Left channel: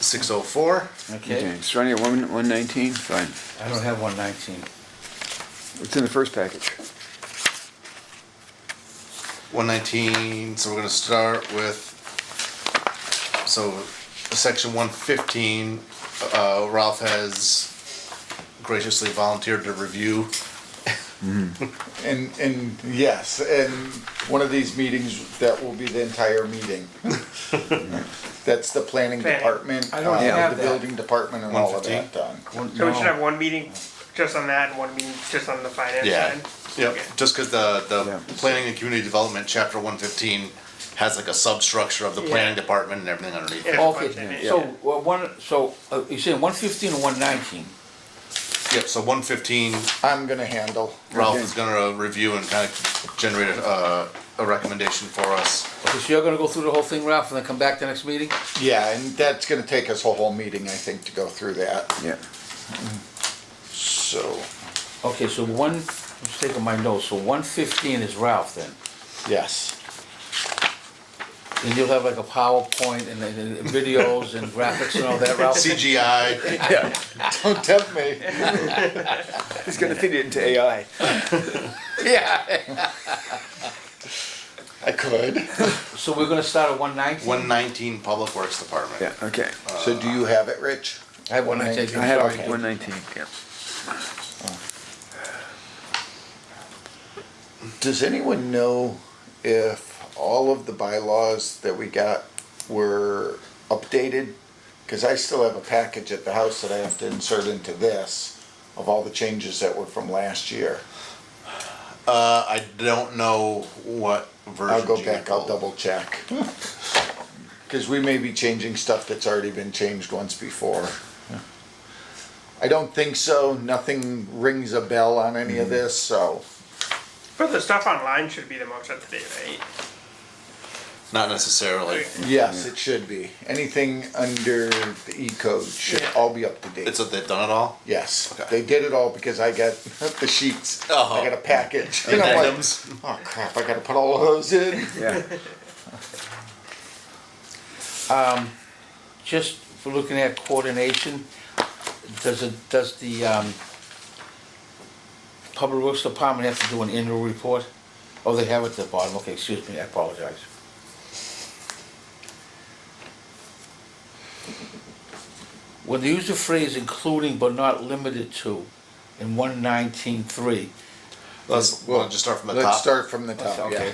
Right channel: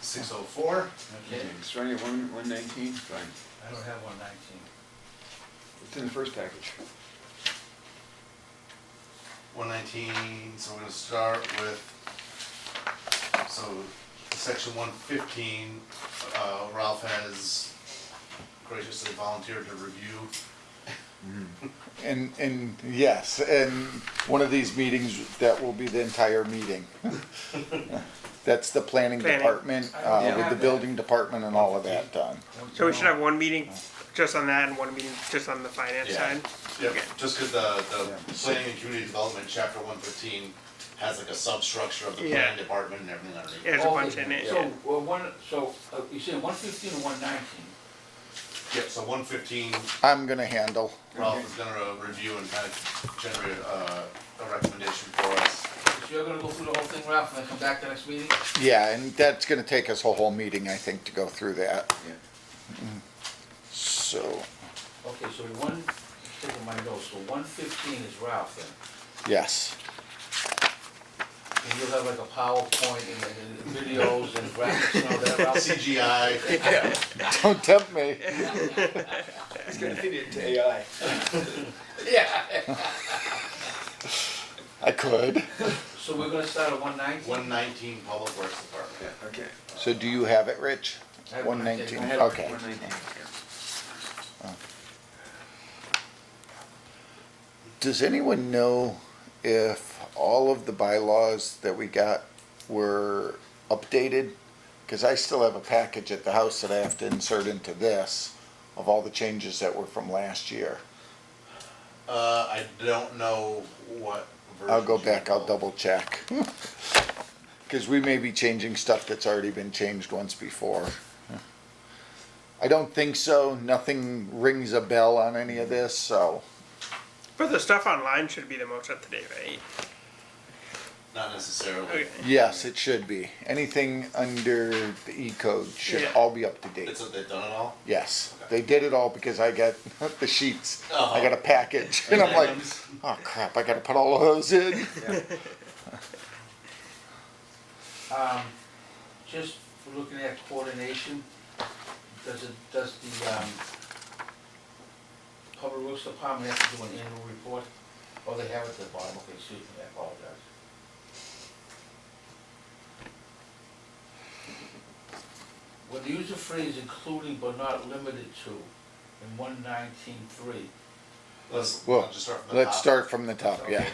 604. Okay, Starting at 119, fine. I don't have 119. It's in the first package. 119, so we're gonna start with, so section 115, Ralph has graciously volunteered to review. And yes, and one of these meetings, that will be the entire meeting. That's the planning Planning. department, I don't have the that. building department and all of 115? that done. So we should have one meeting just on that and one meeting just on the finance Yeah. side? Yep, Okay. just cause the Yeah. planning and community development, chapter 115, has like a substructure of the planning Yeah. department and everything underneath. Yeah. There's a bunch Okay, in it. so you're saying 115 or 119? Yep, so 115, I'm gonna handle. Ralph Okay. is gonna review and kind of generate a recommendation for us. Okay, so you're gonna go through the whole thing, Ralph, and then come back to the next meeting? Yeah, and that's gonna take us a whole meeting, I think, to go through that, Yeah. so, Okay, so I'm just taking my notes, so 115 is Ralph then? yes. And you'll have like a PowerPoint and videos and graphics and all that, Ralph? CGI, Don't tempt me. It's gonna feed it into AI. Yeah. I could. So we're gonna start at 119? 119 Public Works Department. Yeah, okay. So do you have it, Rich? I have 119. I have Sorry. 119, yeah. Does anyone know if all of the bylaws that we got were updated? Cause I still have a package at the house that I have to insert into this of all the changes that were from last year. I don't know what version. I'll go you back, I'll pulled. double check. Cause we may be changing stuff that's already been changed once before. I don't think so, nothing rings a bell on any of this, so. But the stuff online should be the most up to date, right? Not necessarily. Okay. Yes, it should be. Anything under the E code should Yeah. all be up to date. It's they've done it all. Yes, Okay. they did it all because I got the sheets. Oh. I got a package. And I'm like, Items. oh crap, I gotta put all of those in. Yeah. Just for looking at coordination, does the Public Works Department have to do an annual report? Oh, they have it at the bottom, okay, excuse me, I apologize. When they use the phrase including but not limited to in 119.3, Let's Well, we'll just start from the Let's top. start from the top, okay.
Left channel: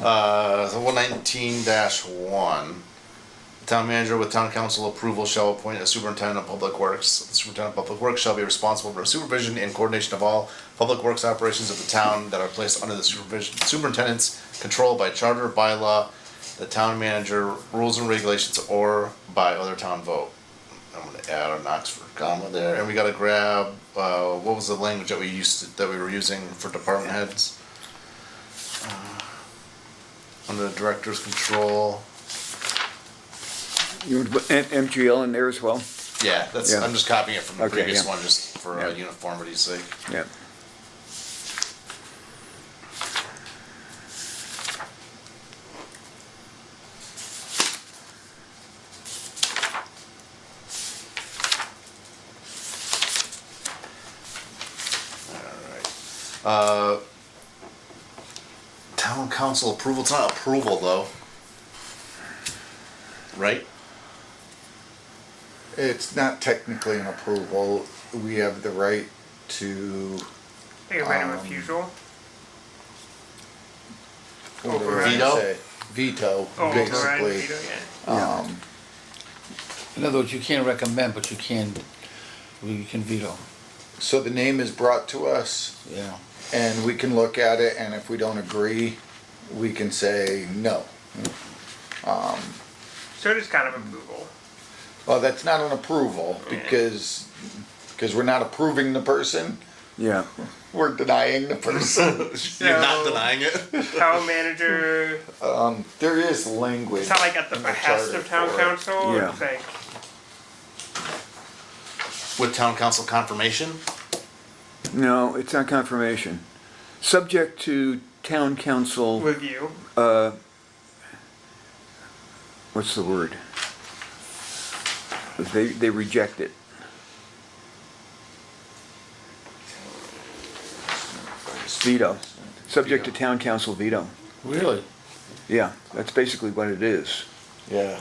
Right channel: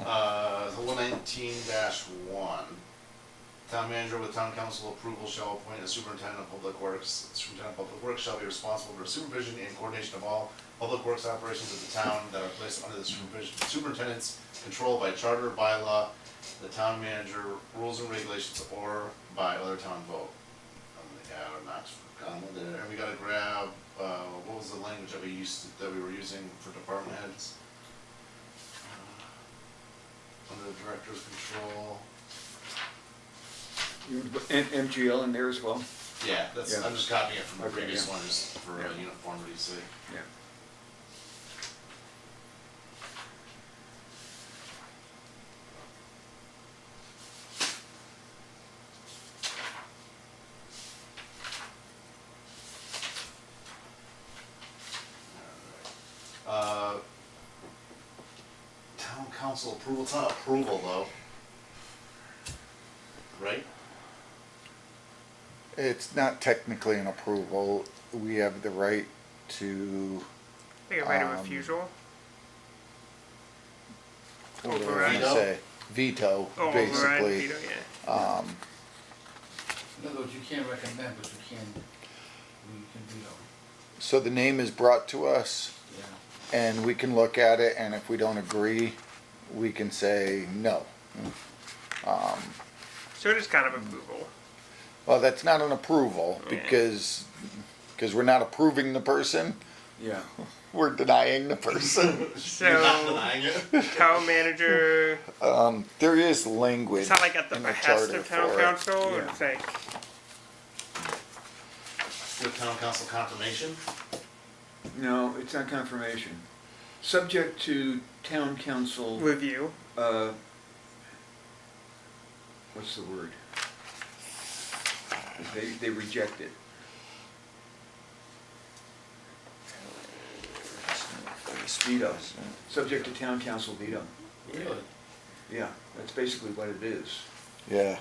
yeah. So 119-1. Town manager with town council approval shall appoint a superintendent of public works. The superintendent of public works shall be responsible for supervision and coordination of all public works operations of the town that are placed under the superintendent's control by charter, bylaw, the town manager, rules and regulations, or by other town vote. I'm gonna add an Oxford comma there, and we gotta grab, what was the language that we were using for department heads? Under the director's control. You want to put MGL in there as well? Yeah, that's, Yeah. I'm just copying it from the Okay, previous yeah. one, just for Yeah. uniformity's sake. Yeah. Alright. Town council approval, it's not approval though. Right? It's not technically an approval. We have the right to, Like a right of refusal? what do I Veto? say? Veto, Oh, override, basically. veto, yeah. In other words, you can't recommend, but you can veto, So the name is brought to us yeah. and we can look at it, and if we don't agree, we can say no. So it is kind of approval. Well, that's not an approval because we're not approving the person, Yeah. we're denying the person. You're not So- denying it? Town manager, There is language. it's not like at the in the behest charter of town for it. council, Yeah. it's like, With town council confirmation? No, it's not confirmation. Subject to town council, review. what's the word? They reject it. Veto, subject to town council veto. Really? Yeah, that's basically what it is. Yeah.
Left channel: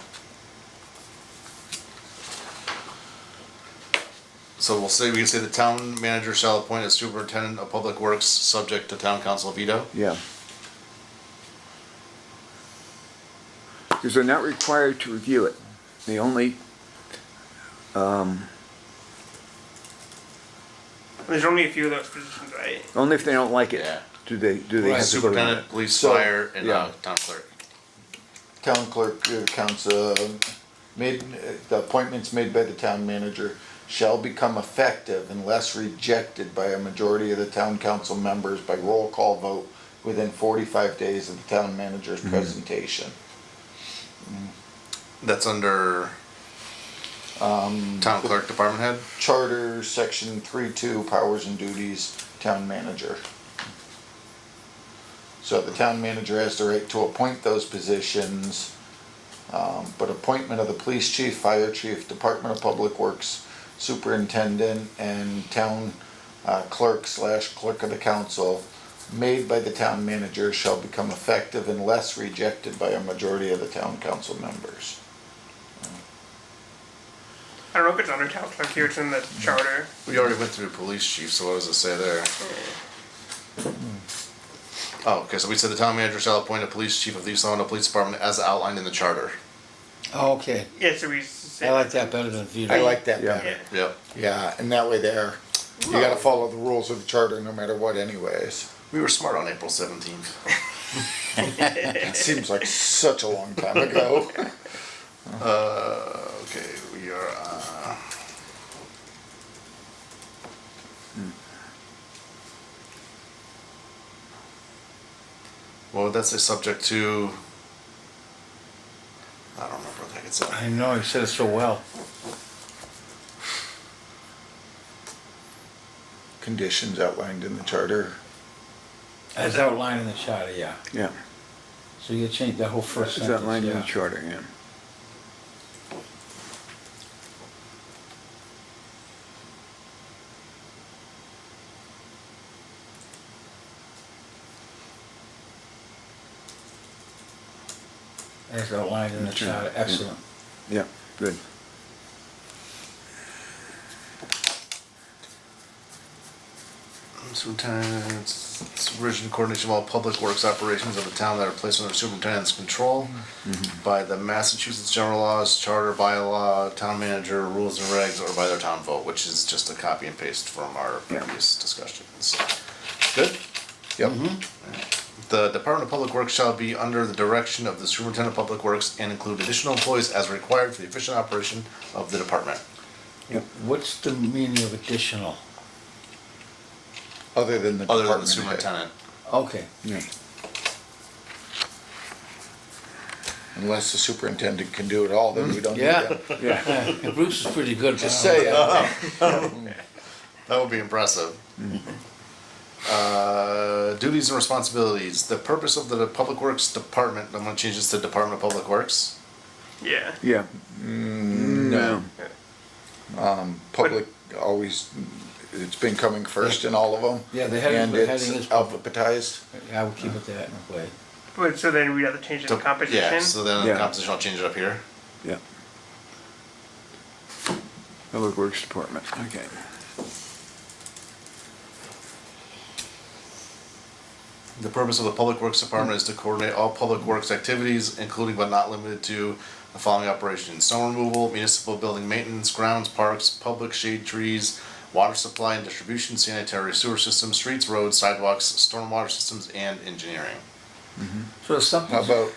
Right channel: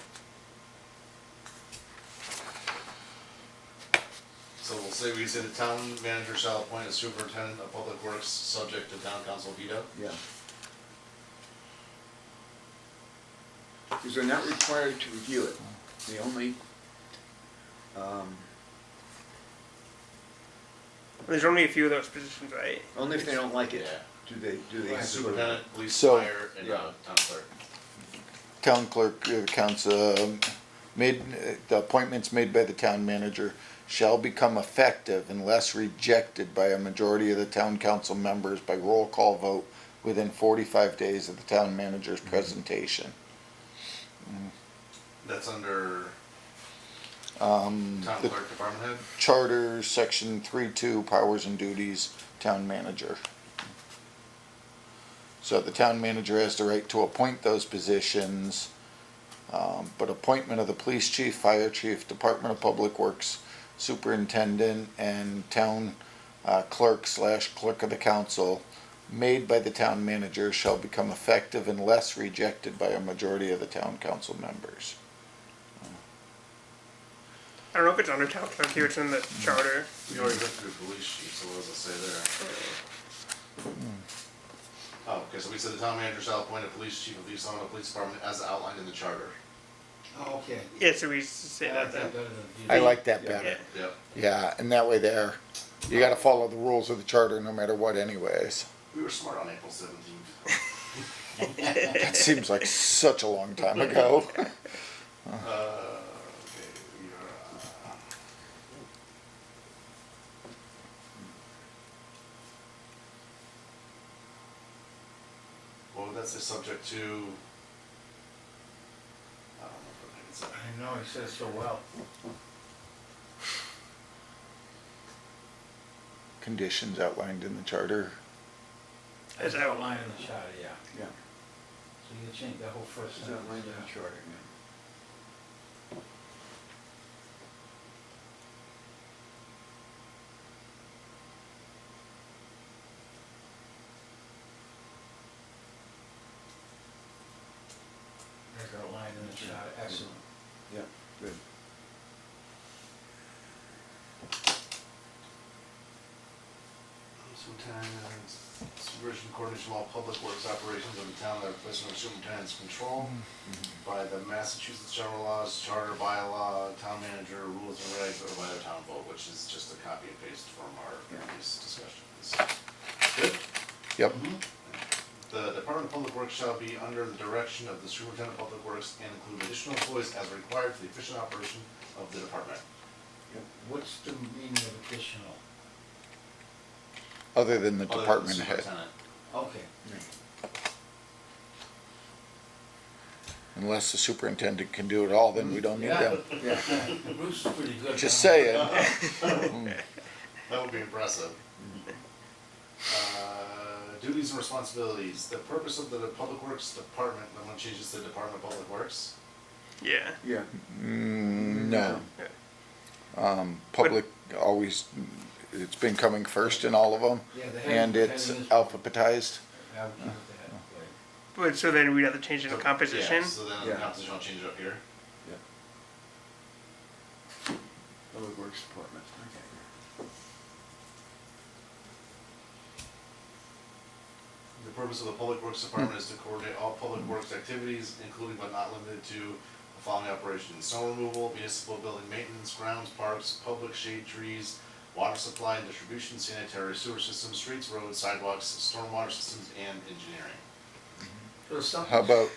So we can say the town manager shall appoint a superintendent of public works subject to town council veto. Yeah. Because they're not required to review it. They only, There's only a few of those positions, right? only if they don't like it, Yeah. do they Right. have to vote on it. Superintendent, police, So- fire, and yeah. town clerk. Town clerk, council, made, the appointments made by the town manager shall become effective unless rejected by a majority of the town council members by roll call vote within 45 days of the town manager's presentation. That's under town clerk, department head. Charter, section 3.2, powers and duties, town manager. So the town manager has the right to appoint those positions, but appointment of the police chief, fire chief, Department of Public Works, superintendent, and town clerk/clerk of the council made by the town manager shall become effective unless rejected by a majority of the town council members. I don't know if it's under town clerk here, it's in the charter. We already went through police chief, so what does it say there? Oh, okay, so we said the town manager shall appoint a police chief of the East Long Meadow Police Department as outlined in the charter. Oh, okay. Yeah, so we say I like that better than veto. I like that Yeah. better. Yeah. Yep. Yeah, and that way there, you gotta follow the rules of the charter no matter what anyways. We were smart on April 17th. It seems like such a long time ago. Okay, we are, what would that say, subject to? I don't remember what the heck it said. I know, you said it so well. Conditions outlined in the charter. As outlined in the charter, yeah. Yeah, So you change that whole first it's sentence, outlined in the yeah. charter, yeah. As outlined in the Sure. charter, excellent. Yeah, good. Superintendent, supervision and coordination of all public works operations of the town that are placed under superintendent's control by the Massachusetts general laws, charter, bylaw, town manager, rules and regs, or by their town vote, which is just a copy and paste from our Yeah. previous discussions. Good? Yep. The Department of Public Works shall be under the direction of the Superintendent of Public Works and include additional employees as required for the efficient operation of the department. What's the meaning of additional? Other than the Other than the department head. superintendent. Okay, Yeah. Unless the superintendent can do it all, then we don't need yeah. them. Yeah, Bruce is pretty good. Just but I say don't know. That would be impressive. Duties and responsibilities. The purpose of the Public Works Department, I'm gonna change this to Department of Public Works. Yeah. yeah. No. Public always, it's been coming first in all of them. Yeah, the heading- And the it's heading is- alphabetized. I would keep it that way. But so then we'd have to change the composition. Yeah, so then the Yeah. composition, I'll change it up here. Yeah. Public Works Department, okay. The purpose of the Public Works Department is to coordinate all public works activities, including but not limited to the following operations: snow removal, municipal building maintenance, grounds, parks, public shade trees, water supply and distribution, sanitary sewer systems, streets, roads, sidewalks, stormwater systems, and engineering. So it's something. How about,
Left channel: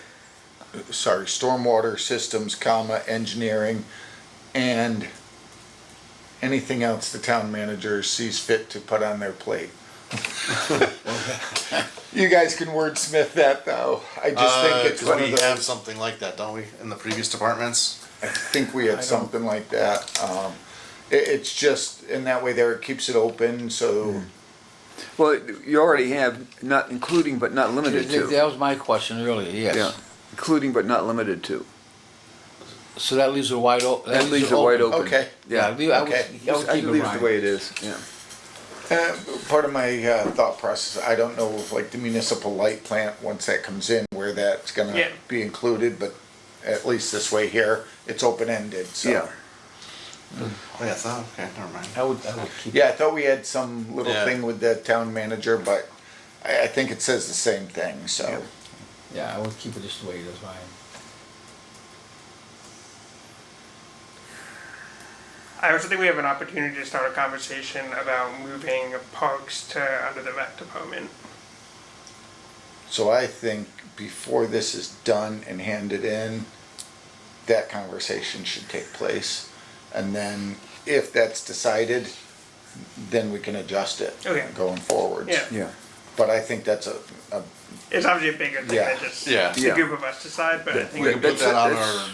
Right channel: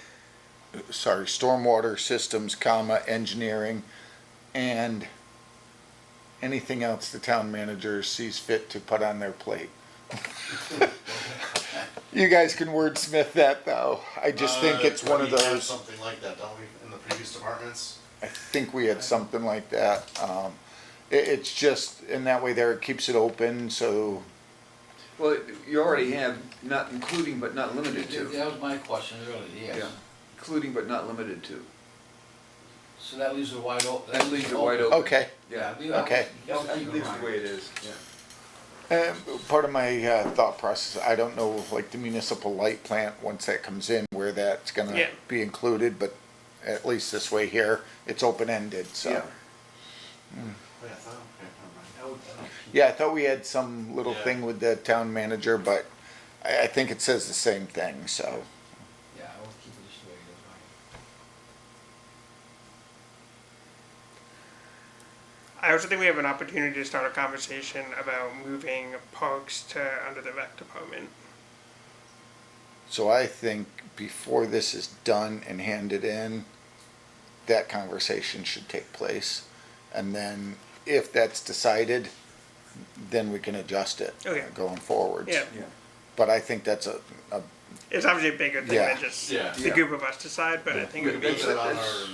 sorry, stormwater systems, comma, engineering, and anything else the town manager sees fit to put on their plate. You guys can wordsmith that though. I just think it's 'Cause one of we have those, something like that, don't we, in the previous departments? I think we had something like that. It's just, in that way there, it keeps it open, so, Well, you already have not including but not limited to. That was my question earlier, yes. Yeah, including but not limited to. So that leaves it wide open. That leaves it wide open. Okay. Yeah, I would Okay. I keep it leave it right. the way it is, yeah. Part of my thought process, I don't know, like the municipal light plant, once that comes in, where that's gonna Yeah. be included, but at least this way here, it's open-ended, so. Yeah. Oh, yeah, I thought, okay, never mind. I would keep. Yeah, I thought we had some little Yeah. thing with the town manager, but I think it says the same thing, so. Yeah, I would keep it just the way it is, Ryan. I also think we have an opportunity to start a conversation about moving parks to under the rec department. So I think before this is done and handed in, that conversation should take place. And then if that's decided, then we can adjust it Okay. going forward. Yeah. Yeah. But I think that's a It's obviously a bigger thing Yeah. than just Yeah. the Yeah. group of us decide, but I We think can it'd put be, that on that's- our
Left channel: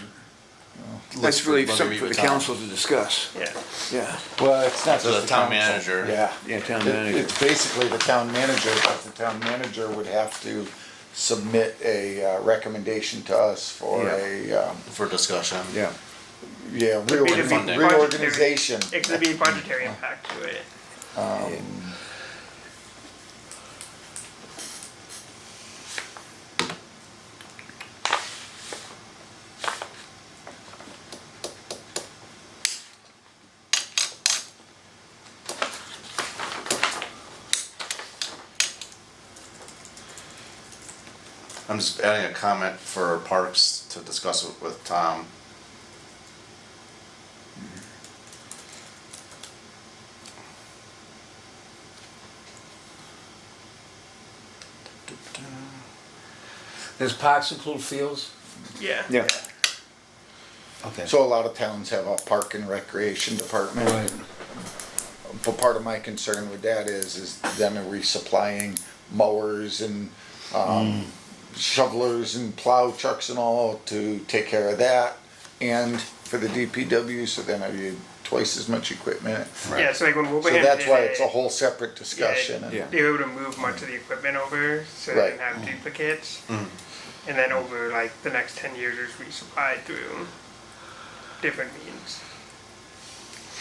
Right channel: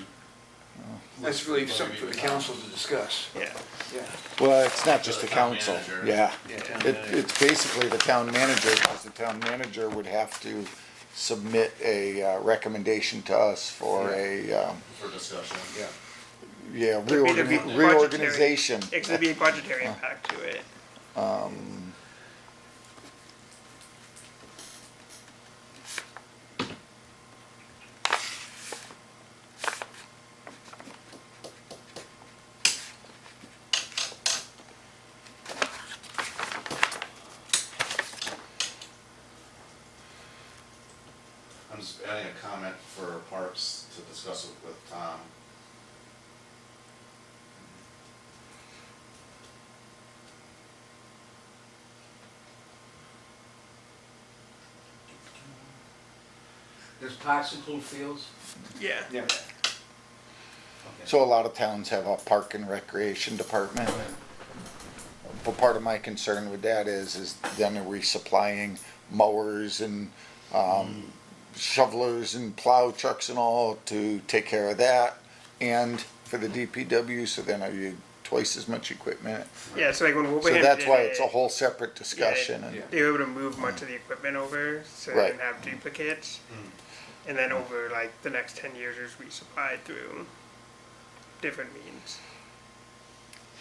That's list really when we something meet for the with Tom. council to discuss. yeah. Yeah. well, it's not So the town manager. Yeah, town manager. It's basically the town manager, but the town manager would have to submit a recommendation to us for Yeah. For discussion. Yeah. It'd be the budgetary- reorganization. It could be a budgetary impact to it. I'm just adding a comment for parks to discuss it with Tom. Does parks include fields? Yeah. Yeah. Okay. So a lot of towns have a park and recreation department. Right. But part of my concern with that is then are we supplying mowers and shovelers and plow trucks and all to take care of that, and for the DPW, so then are you twice as much equipment? Yeah, so like when So Wilbraham that's did why it, it's a whole separate discussion. and- Yeah. they were able to move much of the equipment over so they didn't Right. have duplicates. And then over like the next 10 years, it's resupplied through different means.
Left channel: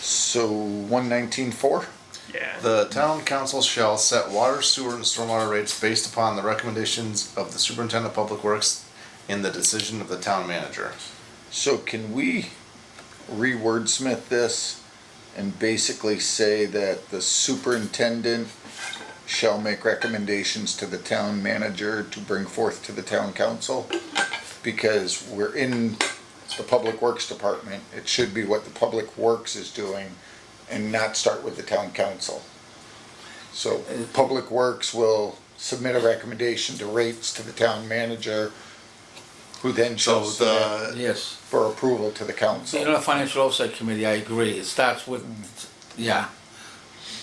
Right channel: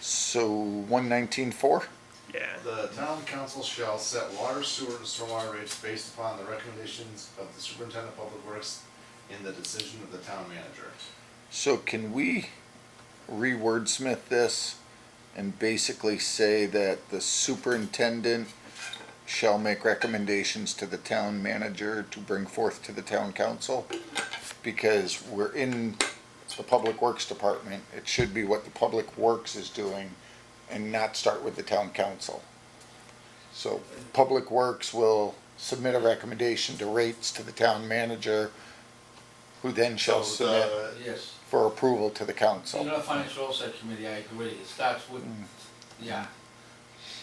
So 119.4? Yeah. The town council shall set water, sewer, and stormwater rates based upon the recommendations of the superintendent of public works and the decision of the town manager. So can we re-wordsmith this and basically say that the superintendent shall make recommendations to the town manager to bring forth to the town council? Because we're in the public works department, it should be what the public works is doing and not start with the town council. So public works will submit a recommendation to rates to the town manager, who then So shall submit the, Yes. for approval to the council. You know, the financial oversight committee, I agree, it starts with, yeah.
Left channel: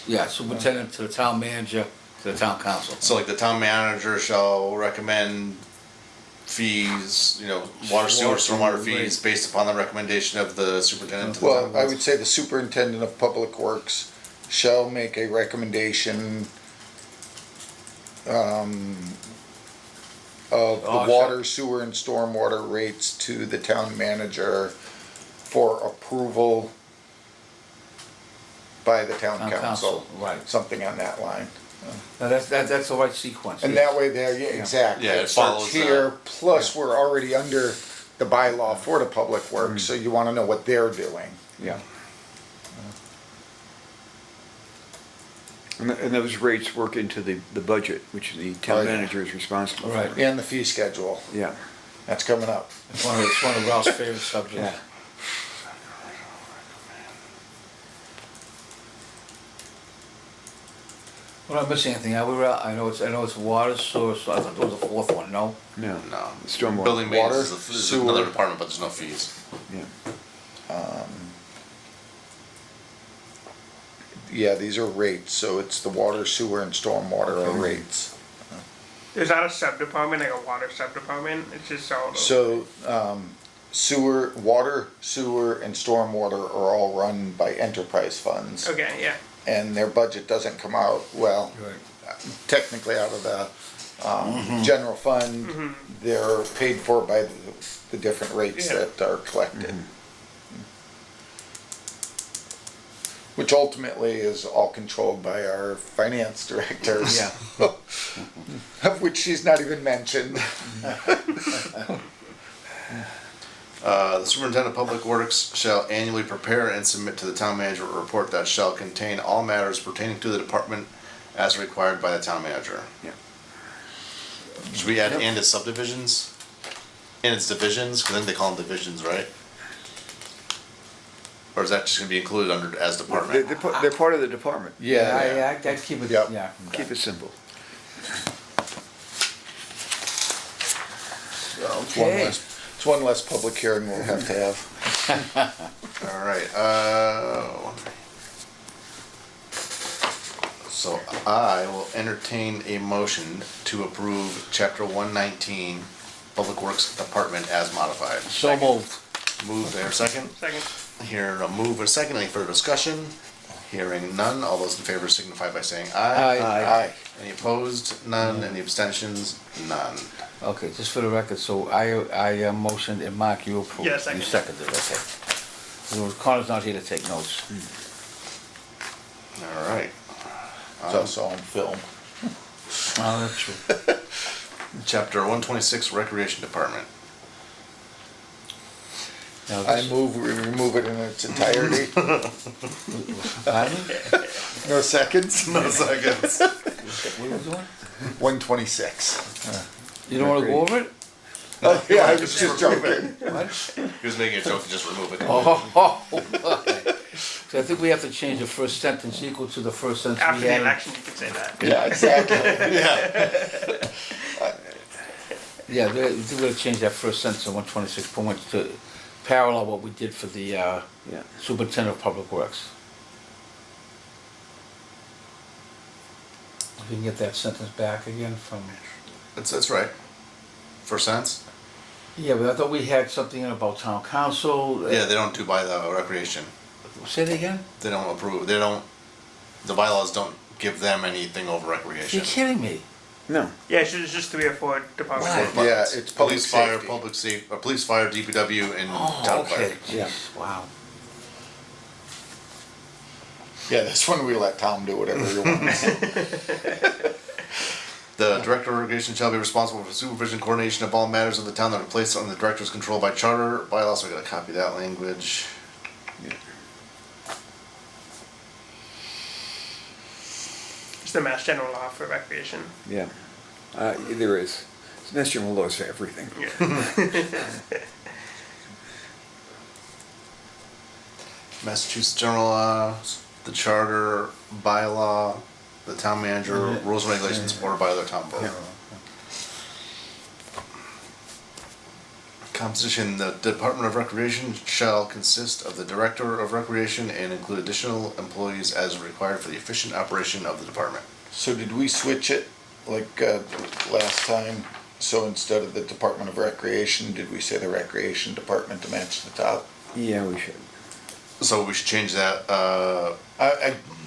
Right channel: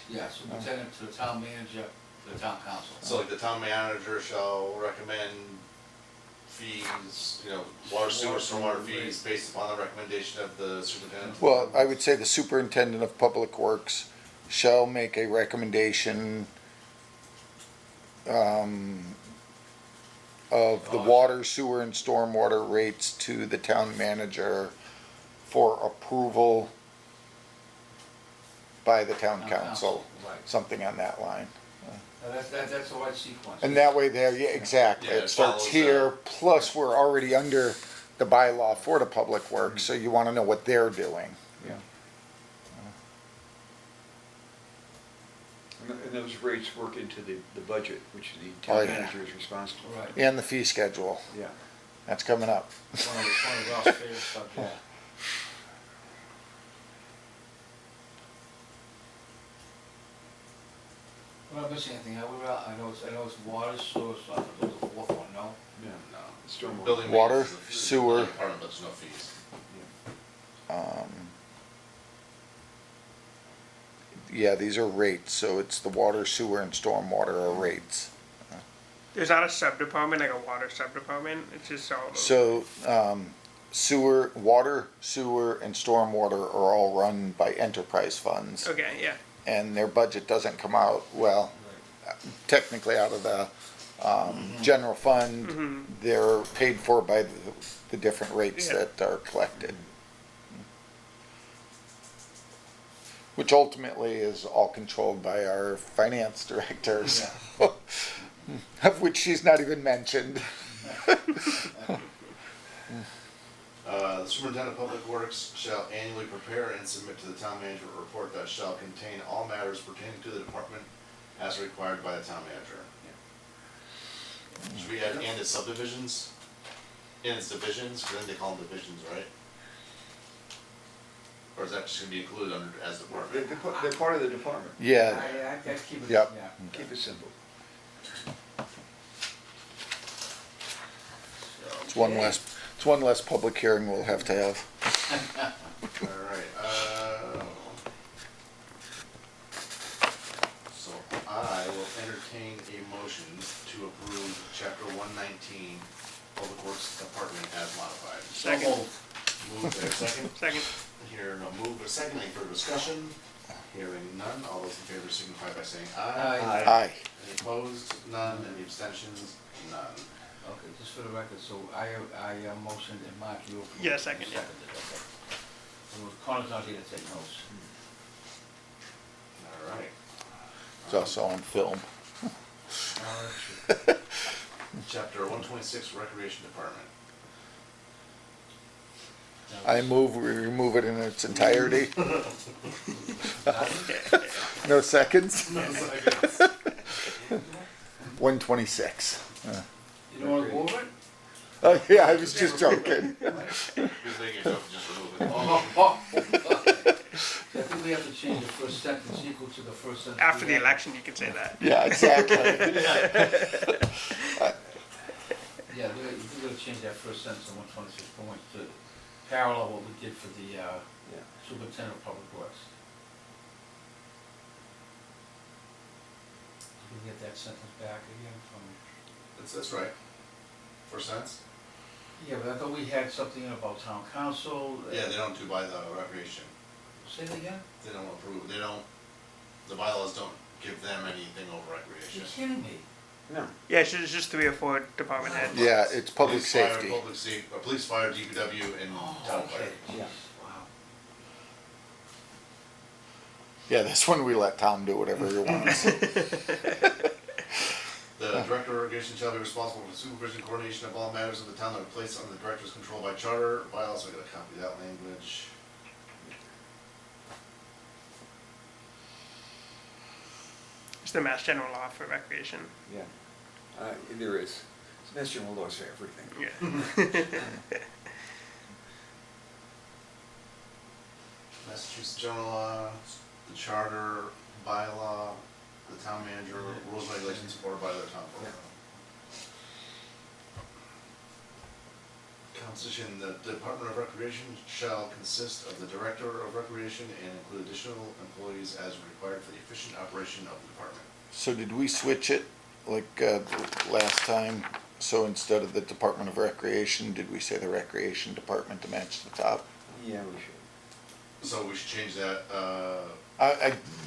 Yeah, superintendent to the town manager, to the town council. so like the town manager shall recommend fees, water, sewer, Water, stormwater right. fees based upon the recommendation of the superintendent. to the Well, town I would say the superintendent of public works shall make a recommendation of the Oh, water, sewer, and stormwater rates to the town manager for approval by the town Town council. council, right. Something on that line. Now, that's the right sequence. And that way there, yeah, exactly. Yeah, it It starts follows here, that. plus we're already under the bylaw for the public works, so you wanna know what they're doing. Yeah. And those rates work into the budget, which the Oh, town yeah. manager is responsible for. Right. And the fee schedule, Yeah. that's coming up. It's one of Ralph's favorite subjects. Yeah. We're not missing anything, are we, Ralph? I know it's water, sewer, so I thought there was a fourth one, no? No. No. Stormwater. Building maintenance Water, is another sewer. department, but there's no fees. Yeah. Yeah, these are rates, so it's the water, sewer, and stormwater are rates. There's not a sub-department, like a water sub-department, it's just all those. So, sewer, water, sewer, and stormwater are all run by enterprise funds. Okay, yeah. And their budget doesn't come out, well, Right. technically out of the general fund, they're paid for by the different rates Yeah. that are collected. Which ultimately is all controlled by our finance directors. Yeah. Of which she's not even mentioned. The superintendent of public works shall annually prepare and submit to the town manager a report that shall contain all matters pertaining to the department as required by the town manager. Yeah. Should we add and its subdivisions? And its divisions, cause I think they call them divisions, right? Or is that just gonna be included under as department? They're part of the department. Yeah. I'd keep it, Yep. yeah. Keep it simple. Okay. It's one less public hearing we'll have to have. Alright, so I will entertain a motion to approve chapter 119, Public Works Department as modified. So moved. Move there, second? Second. Here, a move and a second, any further discussion? Hearing none, all those in favor signify by saying Aye. aye. Aye. Any opposed? None. Any abstentions? None. Okay, just for the record, so I motioned and Mark, you approved. Yeah, second. You seconded, okay. So Connor's not here to take notes. Alright. It's also on film. Oh, that's true. Chapter 126, Recreation Department. Now, I this- move we remove it in its entirety. Pardon? No seconds? No seconds. What are you doing? 126. You don't wanna go over it? Oh, yeah, I was just joking. What? He was making a joke to just remove it. Oh, okay. So I think we have to change the first sentence equal to the first sentence After we the had. election, you could say that. Yeah, exactly. Yeah, we're gonna change that first sentence of 126.1 to parallel what we did for the Yeah. superintendent of public works. If you can get that sentence back again from, That's right. First sentence? yeah, but I thought we had something in about town council. Yeah, they don't do by the recreation. Say it again? They don't approve, they don't, the bylaws don't give them anything over You're recreation. kidding me. No. Yeah, it's just 3 or 4 departments. Why? Yeah, it's public Police, fire, safety. public safety, or police, fire, DPW, and Oh, town fire. okay, Yeah. jeez, wow. Yeah, that's when we let Tom do whatever he wants. The director of recreation shall be responsible for supervision and coordination of all matters of the town that are placed under the director's control by charter bylaws, so we gotta copy that language. It's the Mass General Law for recreation. Yeah. There is. It's Mass General laws for everything. Yeah. Massachusetts general laws, the charter, bylaw, the town manager, rules and regulations ordered by the town board. Composition, the Department of Recreation shall consist of the Director of Recreation and include additional employees as required for the efficient operation of the department. So did we switch it like last time? So instead of the Department of Recreation, did we say the Recreation Department to match the top? Yeah, we should. So we should change that,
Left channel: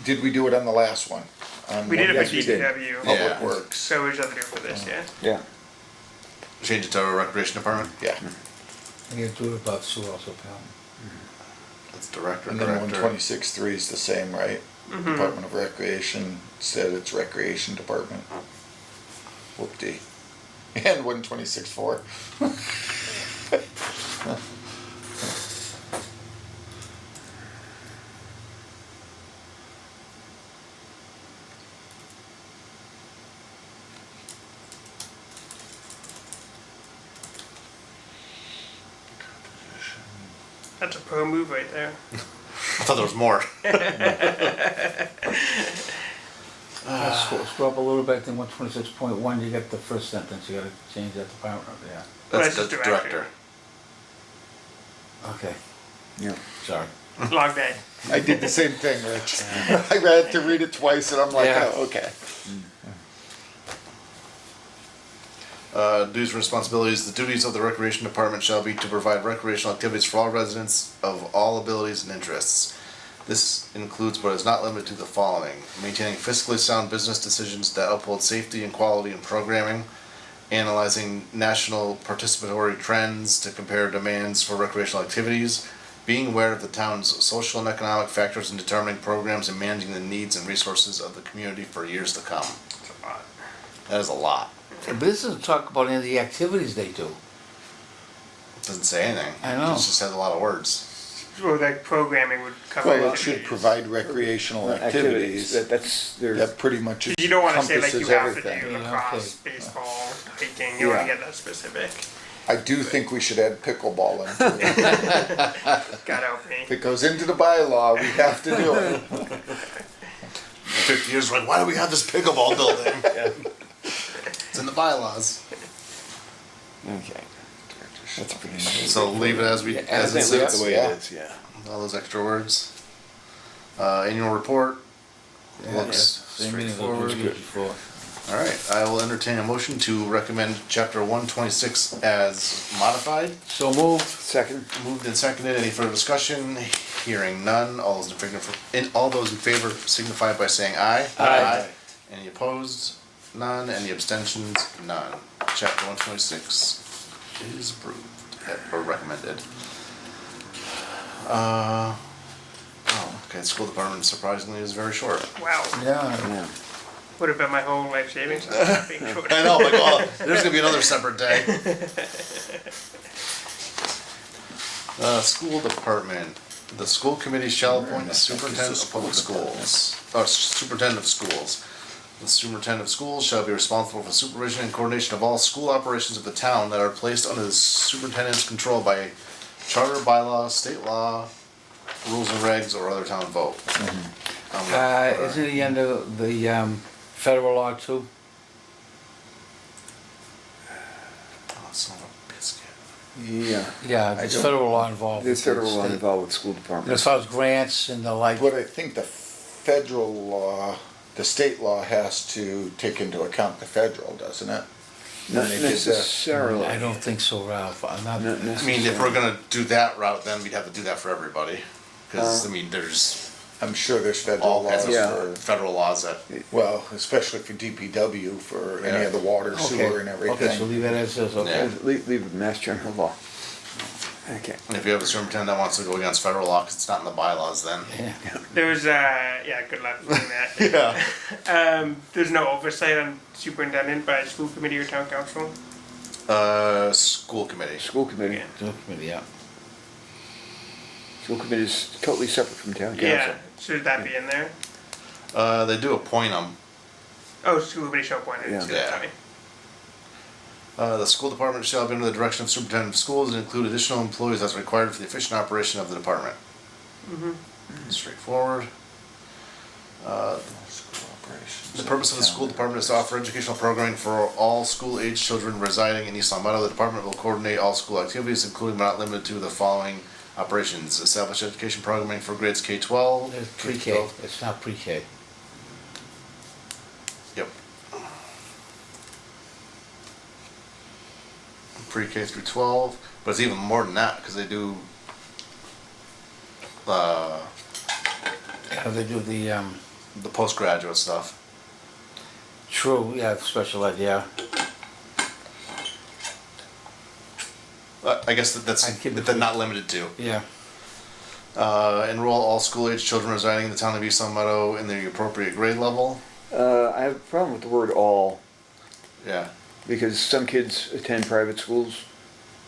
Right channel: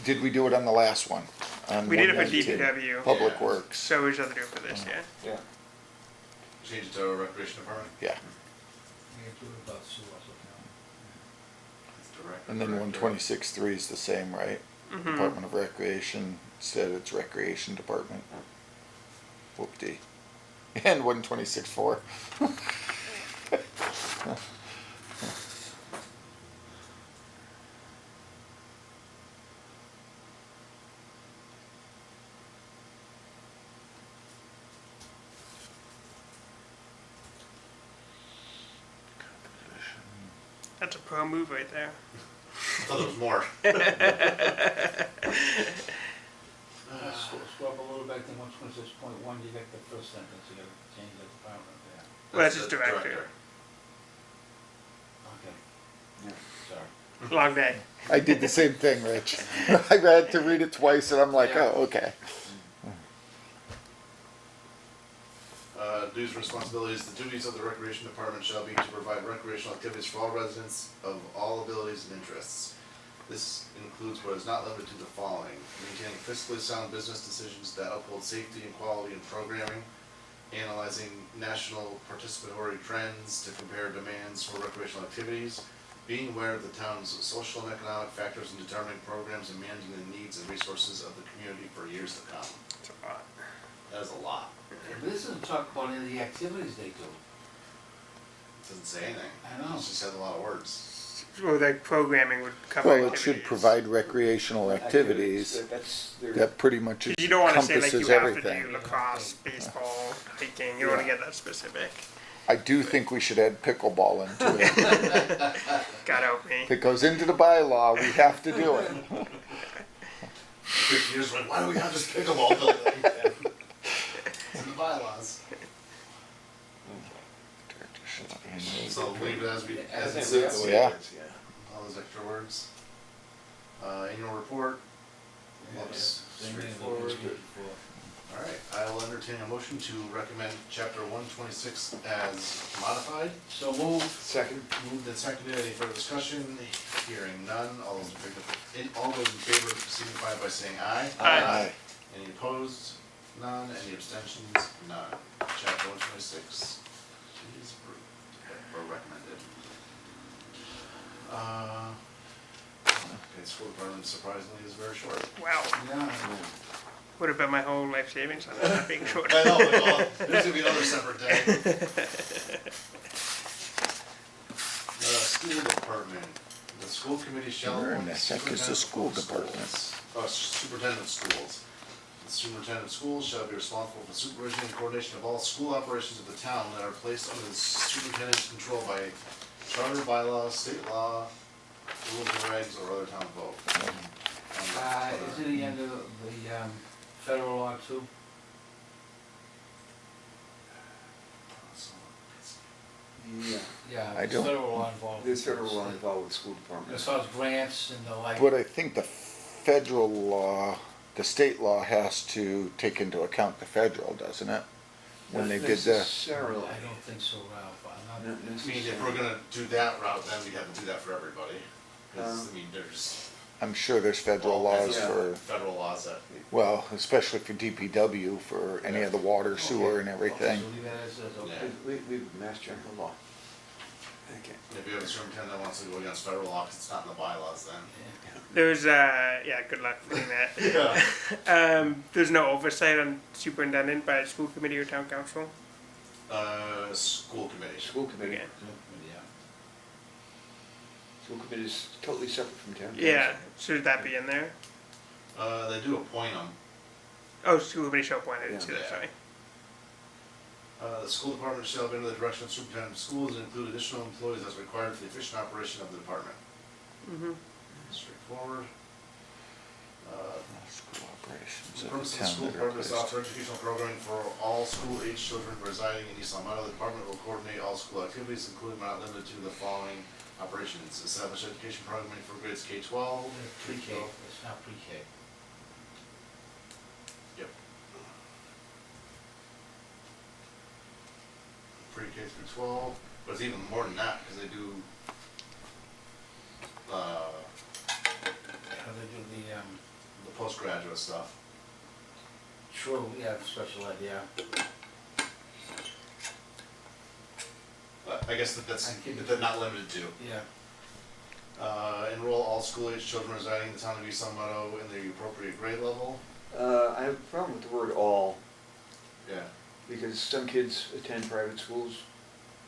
Did we do it on the last one? On We did it Yes, for we did. DPW. Public Yeah. Works. So we should have to do it for this, yeah. Yeah. change it to Recreation Department? Yeah, I gotta do it about sewer also, pal. That's Director, and then Director. 126.3 is the same, right? Department of Recreation said it's Recreation Department. Whoop-dee. And 126.4. That's a pro move right there. I thought there was more. Scroll up a little bit, then 126.1, you get the first sentence, you gotta change that department, yeah. That's That's just Director. Okay, Yeah. sorry. Long day. I did the same thing, Rich. I had to read it twice and I'm like, Yeah. oh, okay. Duties and responsibilities. The duties of the Recreation Department shall be to provide recreational activities for all residents of all abilities and interests. This includes but is not limited to the following: maintaining fiscally sound business decisions that uphold safety and quality in programming, analyzing national participatory trends to compare demands for recreational activities, being aware of the town's social and economic factors in determining programs and managing the needs and resources of the community for years to come. It's a lot. That is a lot. But this doesn't talk about any of the activities they do. It doesn't say anything. I know. It just has a lot of words. Well, like programming would cover. Well, it should activities. provide recreational activities. That's their. That pretty much You don't want to say like you encompasses have to everything. do Yeah, lacrosse, baseball, hiking. You don't want to get that specific. I do think we should add pickleball into it. God help me. If it goes into the bylaw, we have to do it. 50 years, like, why do we have this pickleball building? It's in the bylaws. Okay. That's pretty. So leave it as we, as it Leave it sits. the way yeah. it is, yeah. All those extra words. Annual report. Looks Same meeting as we straightforward. did before. All right, I will entertain a motion to recommend chapter 126 as modified. So moved. Second. Moved and seconded. Any further discussion? Hearing none. All those in favor signify by saying aye. Aye. Any opposed? None. Any abstentions? None. Chapter 126 is approved or recommended. Okay, the school department surprisingly is very short. Wow. Yeah. Yeah. Would have been my whole life savings on not being short. I know, like, oh, there's gonna be another separate day. School department. The school committee shall appoint the superintendent of public schools. Superintendent of schools. The superintendent of schools shall be responsible for supervision and coordination of all school operations of the town that are placed under the superintendent's control by charter, bylaw, state law, rules and regs, or other town vote. Isn't he under the federal law too? Oh, son of a biscuit. Yeah. Yeah, I there's don't- federal law involved. There's federal law State. involved with school And department. as far as grants and the like. But I think the federal law, the state law has to take into account the federal, doesn't it? Not When they did the- necessarily. I don't think so, Ralph. I'm not. Not I mean, if necessarily. we're gonna do that route, then we'd have to do that for everybody. Cause, I mean, there's I'm sure there's federal all kinds laws of Yeah. for, federal laws that, well, especially for DPW, for any Yeah. of the water, sewer and Okay, so everything. leave it as is, okay. Leave it Mass General Law. Okay. if you have a superintendent that wants to go against federal law, 'cause it's not in the bylaws, then. Yeah. There's yeah, good luck doing that. There's no oversight on superintendent by school committee or town council. School committee. School committee. Yeah. School committee, yeah. School committee is totally separate from town council. Yeah, should that be in there? They do appoint them. Oh, school committee shall appoint it. Yeah. So Yeah. sorry. The school department shall be under the direction of superintendent of schools and include additional employees as required for the efficient operation of the department. Straightforward. School operations The purpose of the school department is to offer educational programming for all school-age children residing in East Long Meadow. The department will coordinate all school activities, including but not limited to the following operations: establish education programming for grades K-12. It's pre-K, it's not pre-K. Yep. Pre-K through 12, but it's even more than that, because they do, How they do the, the postgraduate stuff. true, yeah, special ed, yeah. I guess that's, I'd keep it that they're not limited to. Yeah. Enroll all school-age children residing in the town of East Long Meadow in the appropriate grade level. I have a problem with the word all, Yeah. because some kids attend private schools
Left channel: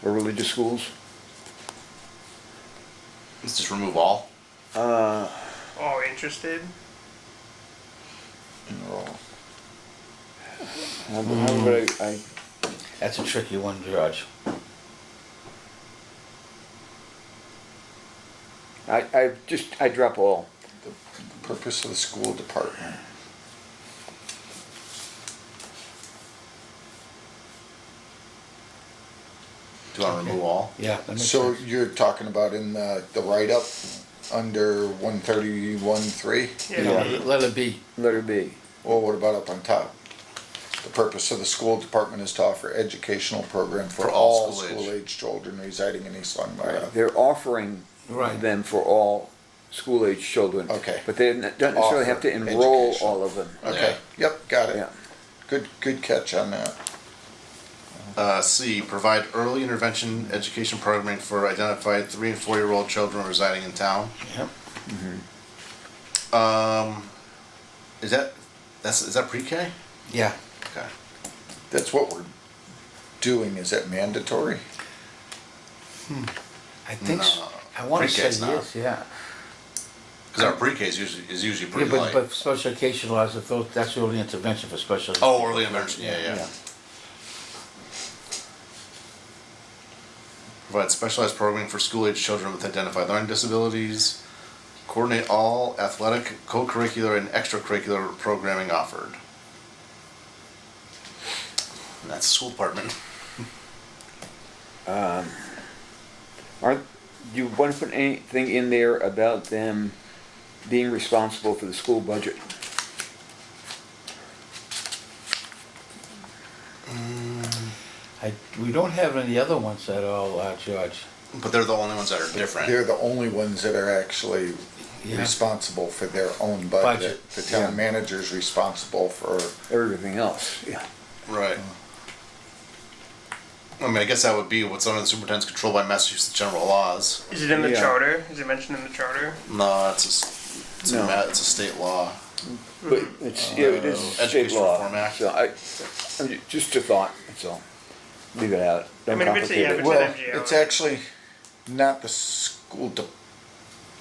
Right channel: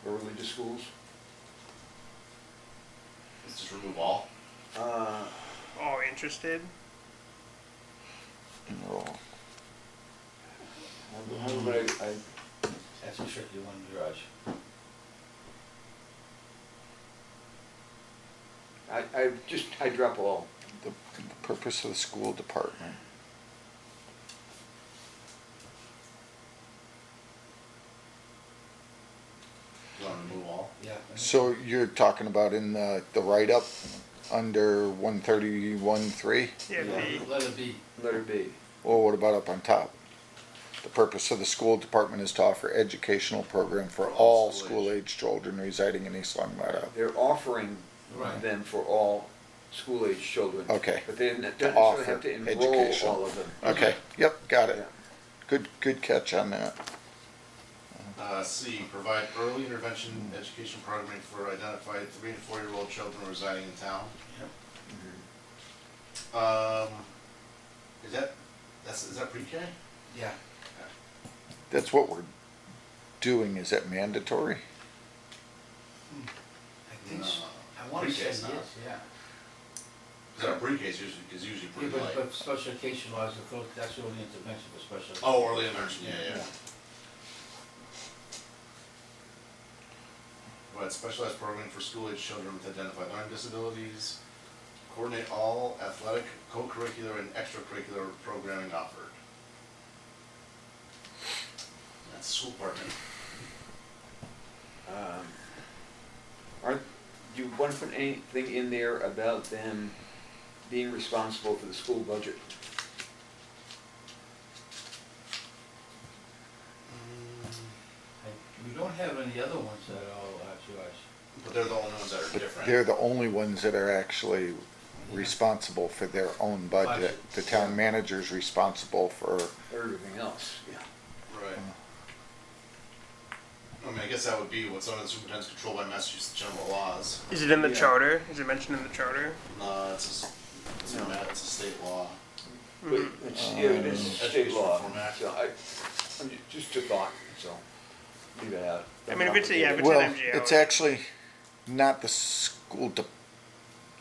or religious schools. Let's just remove all. Uh, All interested? enroll. how would I That's a tricky one, George. I drop all. The purpose of the school department. Do you want to remove all? Yeah, that makes So sense. you're talking about in the write-up under 131.3? Yeah. Let it be. Letter B. Well, what about up on top? The purpose of the school department is to offer educational program for all all school age. school-age children residing in East Long Meadow. They're offering Right. them for all school-age children. Okay. But they don't necessarily have to Offer enroll education. all of them. Okay, yep, got Yeah. it. Good catch on that. C, provide early intervention education programming for identified 3 and 4-year-old children residing in town. Yep. Is that pre-K? Yeah. Okay. That's what we're doing, is that mandatory? I think so. No, I wanna say pre-K's not. yes, yeah. Because our pre-K is usually Yeah, pretty but, light. but special education laws, if those, that's early intervention for special. Oh, early intervention, yeah. Provide specialized programming for school-age children with identified learning disabilities. Coordinate all athletic, co-curricular, and extracurricular programming offered. And that's the school department. Do you want to put anything in there about them being responsible for the school budget? We don't have any other ones at all, George. But they're the only ones that are different. They're the only ones that are actually Yeah. responsible for their own budget. Budget, The town manager's responsible for, Everything else, yeah. Right. I mean, I guess that would be what's under the superintendent's control by Massachusetts general laws. Is it in the Yeah. charter? Is it mentioned in the charter? No, it's No. a state law. But it's, yeah, it is state Education law. Reform Act. So just a thought, that's all. Leave it out. I Don't mean, if it's complicate it. an well, MGL. it's actually not the school,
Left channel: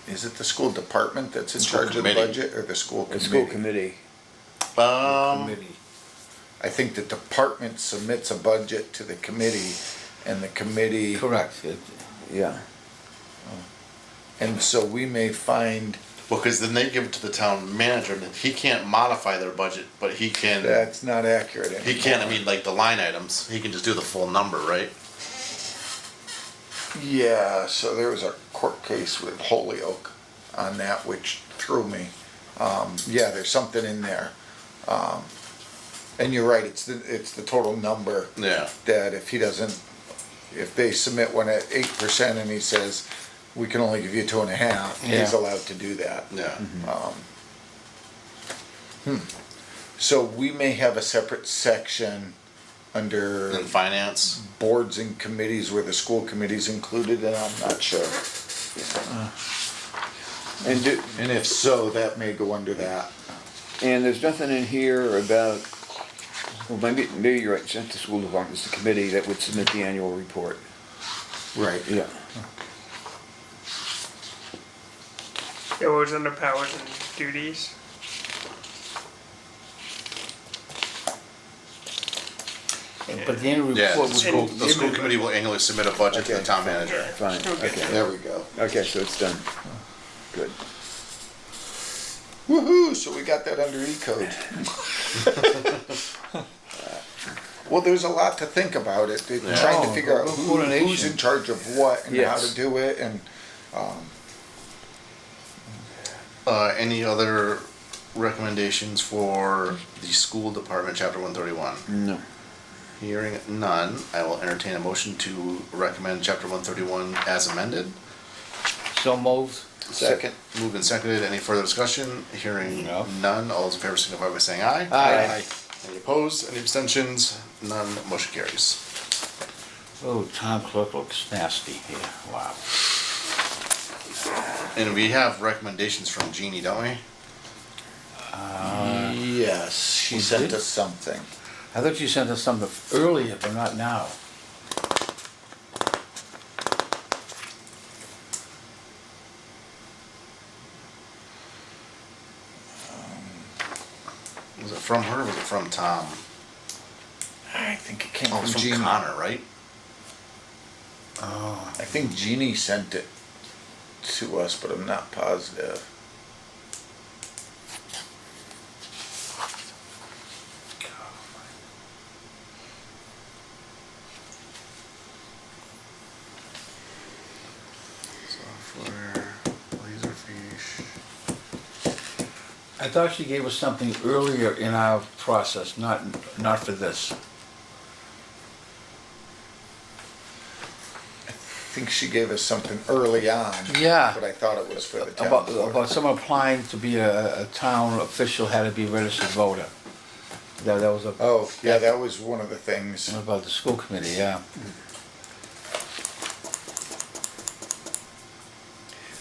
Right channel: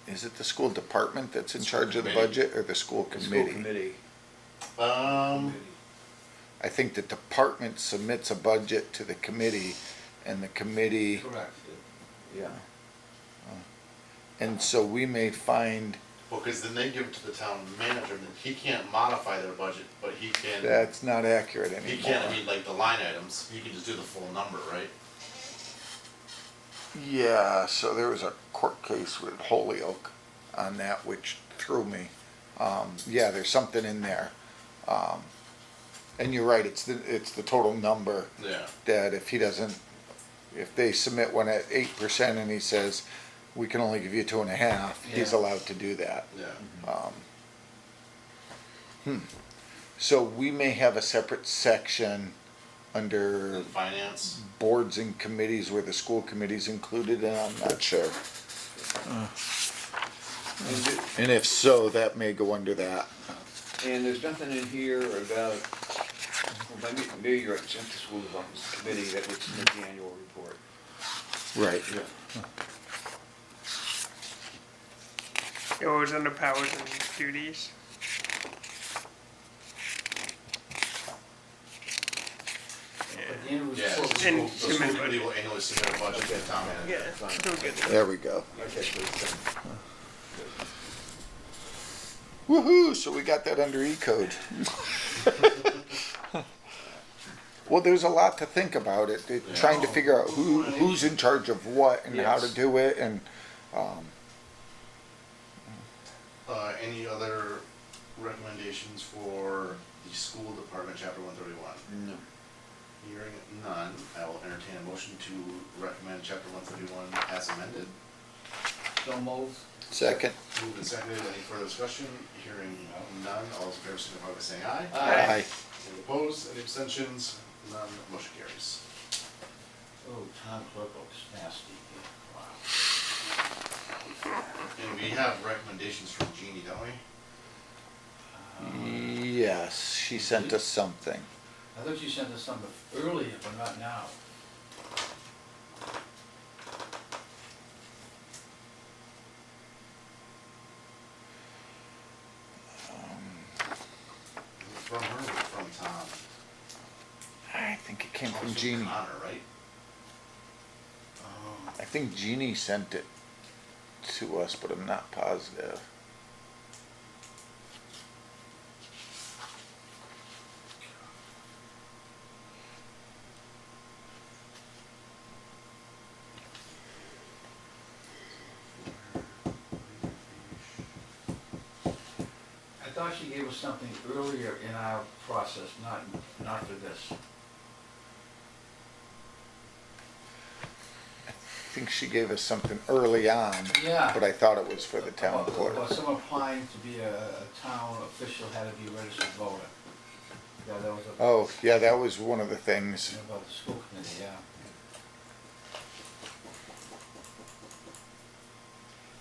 is it the school department that's in School charge of the committee. budget, or the school The school committee? committee. Maybe. I think the department submits a budget to the committee, and the committee, Correct. Yeah. and so we may find Well, because then they give it to the town manager, and he can't modify their budget, but he can. that's not accurate anymore. He can't. I mean, like the line items, he can just do the full number, right? Yeah, so there was a court case with Holyoke on that, which threw me. Yeah, there's something in there. And you're right, it's the total number Yeah. that if they submit one at 8% and he says, we can only give you 2.5, he's Yeah. allowed to do that. Yeah. So we may have a separate section under In finance. boards and committees where the school committee's included, and I'm not sure. And if so, that may go under that. And there's nothing in here about, well, maybe you're right, it's not the school department, it's the committee that would submit the annual report. Right. Yeah. It was under powers and duties. But the annual Yeah. report The would school, the school committee will annually submit a budget to the Okay. town manager. Fine, Okay. okay. There we go. Okay, so it's done. Good. Woohoo! So we got that under E-code. Well, there's a lot to think about it. They're trying to figure out who's Coordination. in charge of what and how to Yes. do it, and Any other recommendations for the school department, chapter 131? No. Hearing none, I will entertain a motion to recommend chapter 131 as amended. so moved. second. Moved and seconded. Any further discussion? Hearing No. none. All those in favor signify by saying aye. Aye. Any opposed? Any abstentions? None. Motion carries. Oh, town clerk looks nasty here, wow. And we have recommendations from Jeannie, don't we? Yes, she we sent did? us something. I thought you sent us something earlier, but not now. Was it from her or was it from Tom? I think it came Oh, from it's from Jeannie. Connor, right? Oh, I think Jeannie sent it to us, but I'm not positive. Software, Laserfish. I thought she gave us something earlier in our process, not for this. think she gave us something early on. Yeah. But I thought it was for the town About clerk. someone applying to be a town official had to be a registered voter. That was a, Oh, yeah, that was one of the things. about the school committee, yeah.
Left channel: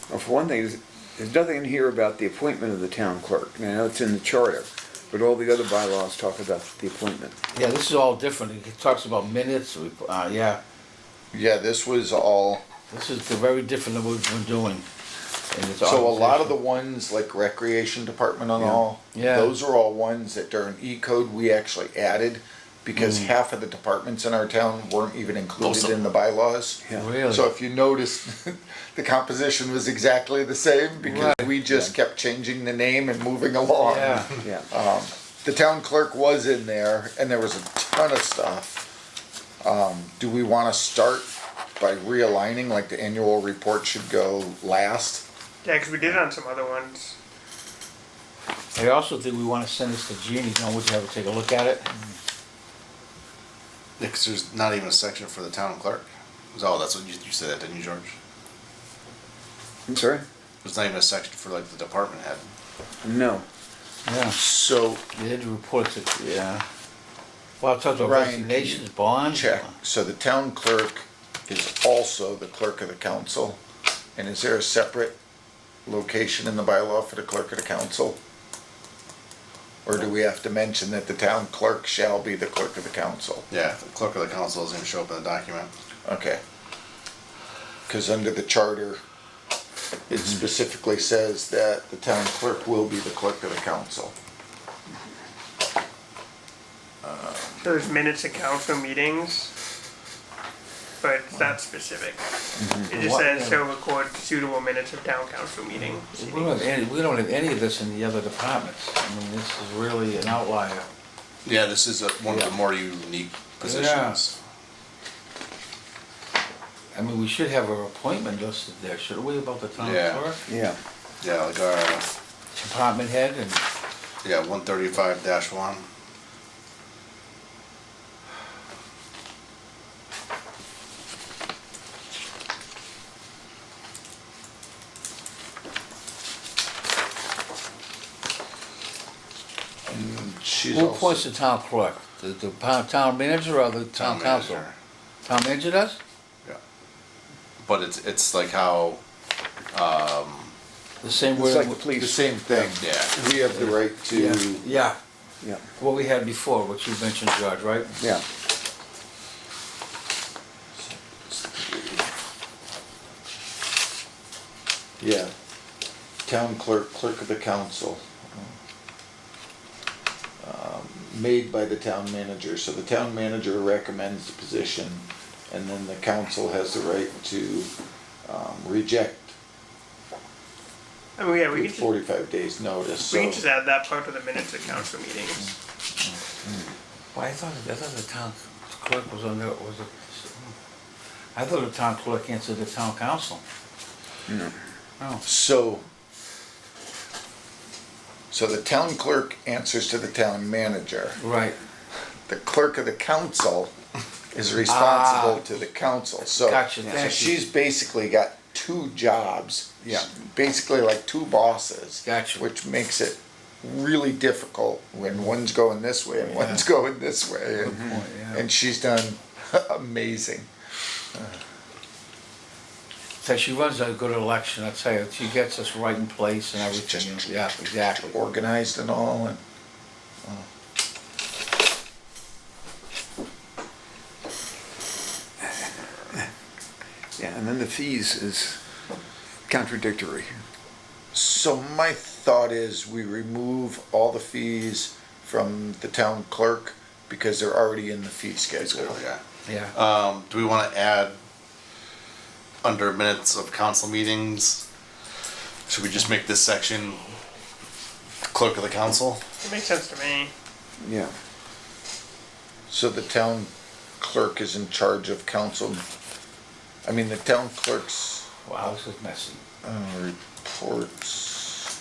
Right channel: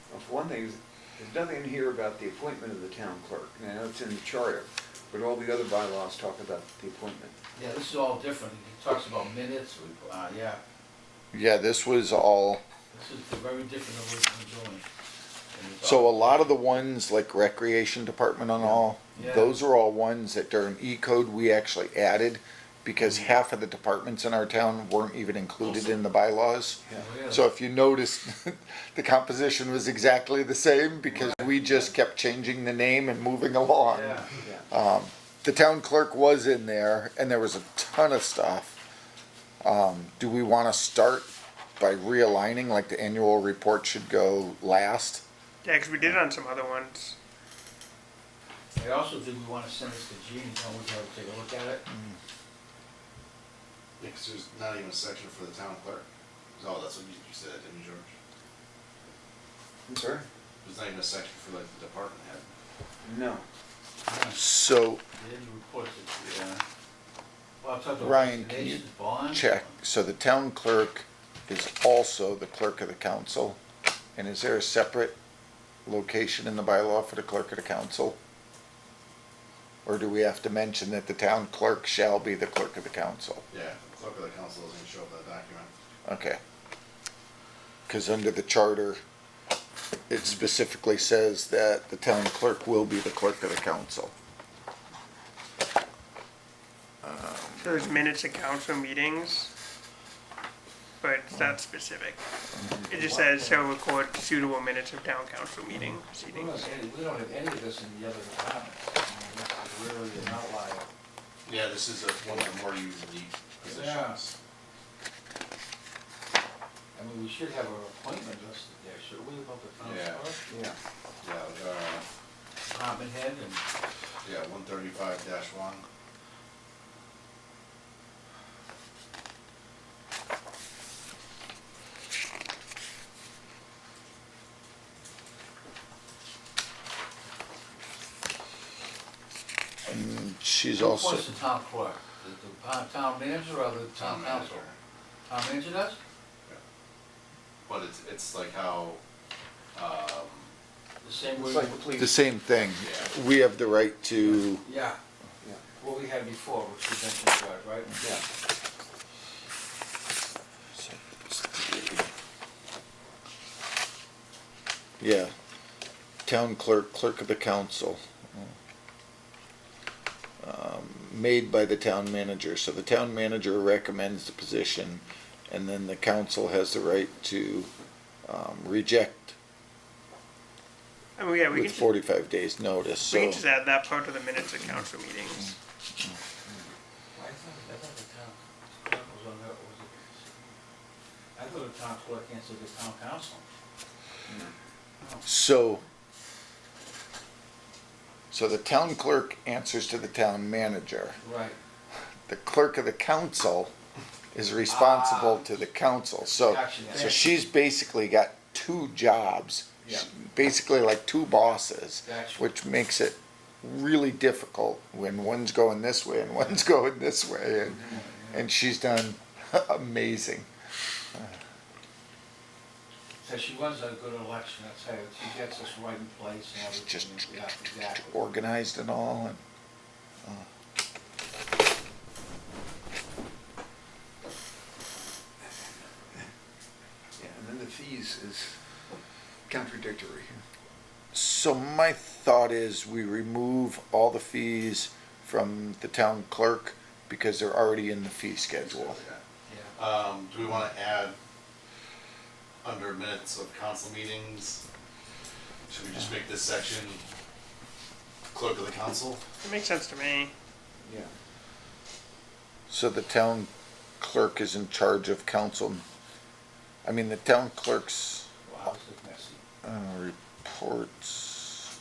Well, for one thing, there's nothing in here about the appointment of the town clerk. I know it's in the charter, but all the other bylaws talk about the appointment. Yeah, this is all different. It talks about minutes, yeah. Yeah, this was all, This is very different than what we've been doing. And it's so a lot of the opposition. ones like recreation department and all, Yeah. those are all ones that during E-code we actually added because half of the departments in our town weren't even included Awesome. in the bylaws. Yeah. Really? So if you notice, the composition was exactly the same because Right. we just kept changing the name and moving along. Yeah. Yeah. The town clerk was in there and there was a ton of stuff. Do we wanna start by realigning, like the annual report should go last? Yeah, 'cause we did it on some other ones. I also think we wanna send this to Jeannie, you know, we have to take a look at it. Yeah, 'cause there's not even a section for the town clerk. Oh, that's what you said that, didn't you, George? I'm sorry? There's not even a section for like the department head. No. Yeah. So, They had to report it, yeah. Well, it talks about Ryan, can you resignations, bonds. check, so the town clerk is also the clerk of the council, and is there a separate location in the bylaw for the clerk of the council? Or do we have to mention that the town clerk shall be the clerk of the council? Yeah, the clerk of the council doesn't even show up in the document. Okay. Cause under the charter, it specifically says that the town clerk will be the clerk of the council. So there's minutes of council meetings, but it's not specific. It just says shall record suitable minutes of town council meeting. We don't have any of this in the other departments. I mean, this is really an outlier. Yeah, this is one of the more unique positions. I mean, we should have our appointment listed there, shouldn't we, about the town Yeah. clerk? Yeah. Yeah, like our, Department head and, yeah, 135-1. She's who also, appoints the town clerk? The town manager or the town council? manager. Town manager does? Yeah. But it's like how, The same It's way. like the the police. same thing. Yeah. We have the right Yeah, to, yeah, Yeah. what we had before, what you mentioned, George, right? Yeah. yeah, town clerk, clerk of the council. Made by the town manager, so the town manager recommends the position, and then the council has the right to, reject I mean, yeah, we with could 45 days notice, we so. can just add that part to the minutes of council meetings. Well, I thought the town clerk was under, was it? I thought the town clerk answered the town council. No. Oh, So the town clerk answers to the town manager. right, The clerk of the council is responsible to the council, so. Gotcha, So thank you. she's basically got two jobs. Yeah. Basically like two bosses. Gotcha. Which makes it really difficult when one's going this way and Yeah. one's going this way. good point, yeah. And she's done amazing. So she runs a good election, I tell you, she gets us right in place and everything, yeah, exactly. Organized and all, and Yeah, and then the fees is contradictory. so my thought is we remove all the fees from the town clerk because they're already in the fee schedule. Yeah. Yeah, Do we wanna add under minutes of council meetings? Should we just make this section clerk of the council? It makes sense to me. Yeah. So the town clerk is in charge of council. I mean, the town clerk's wow, this is messy. reports.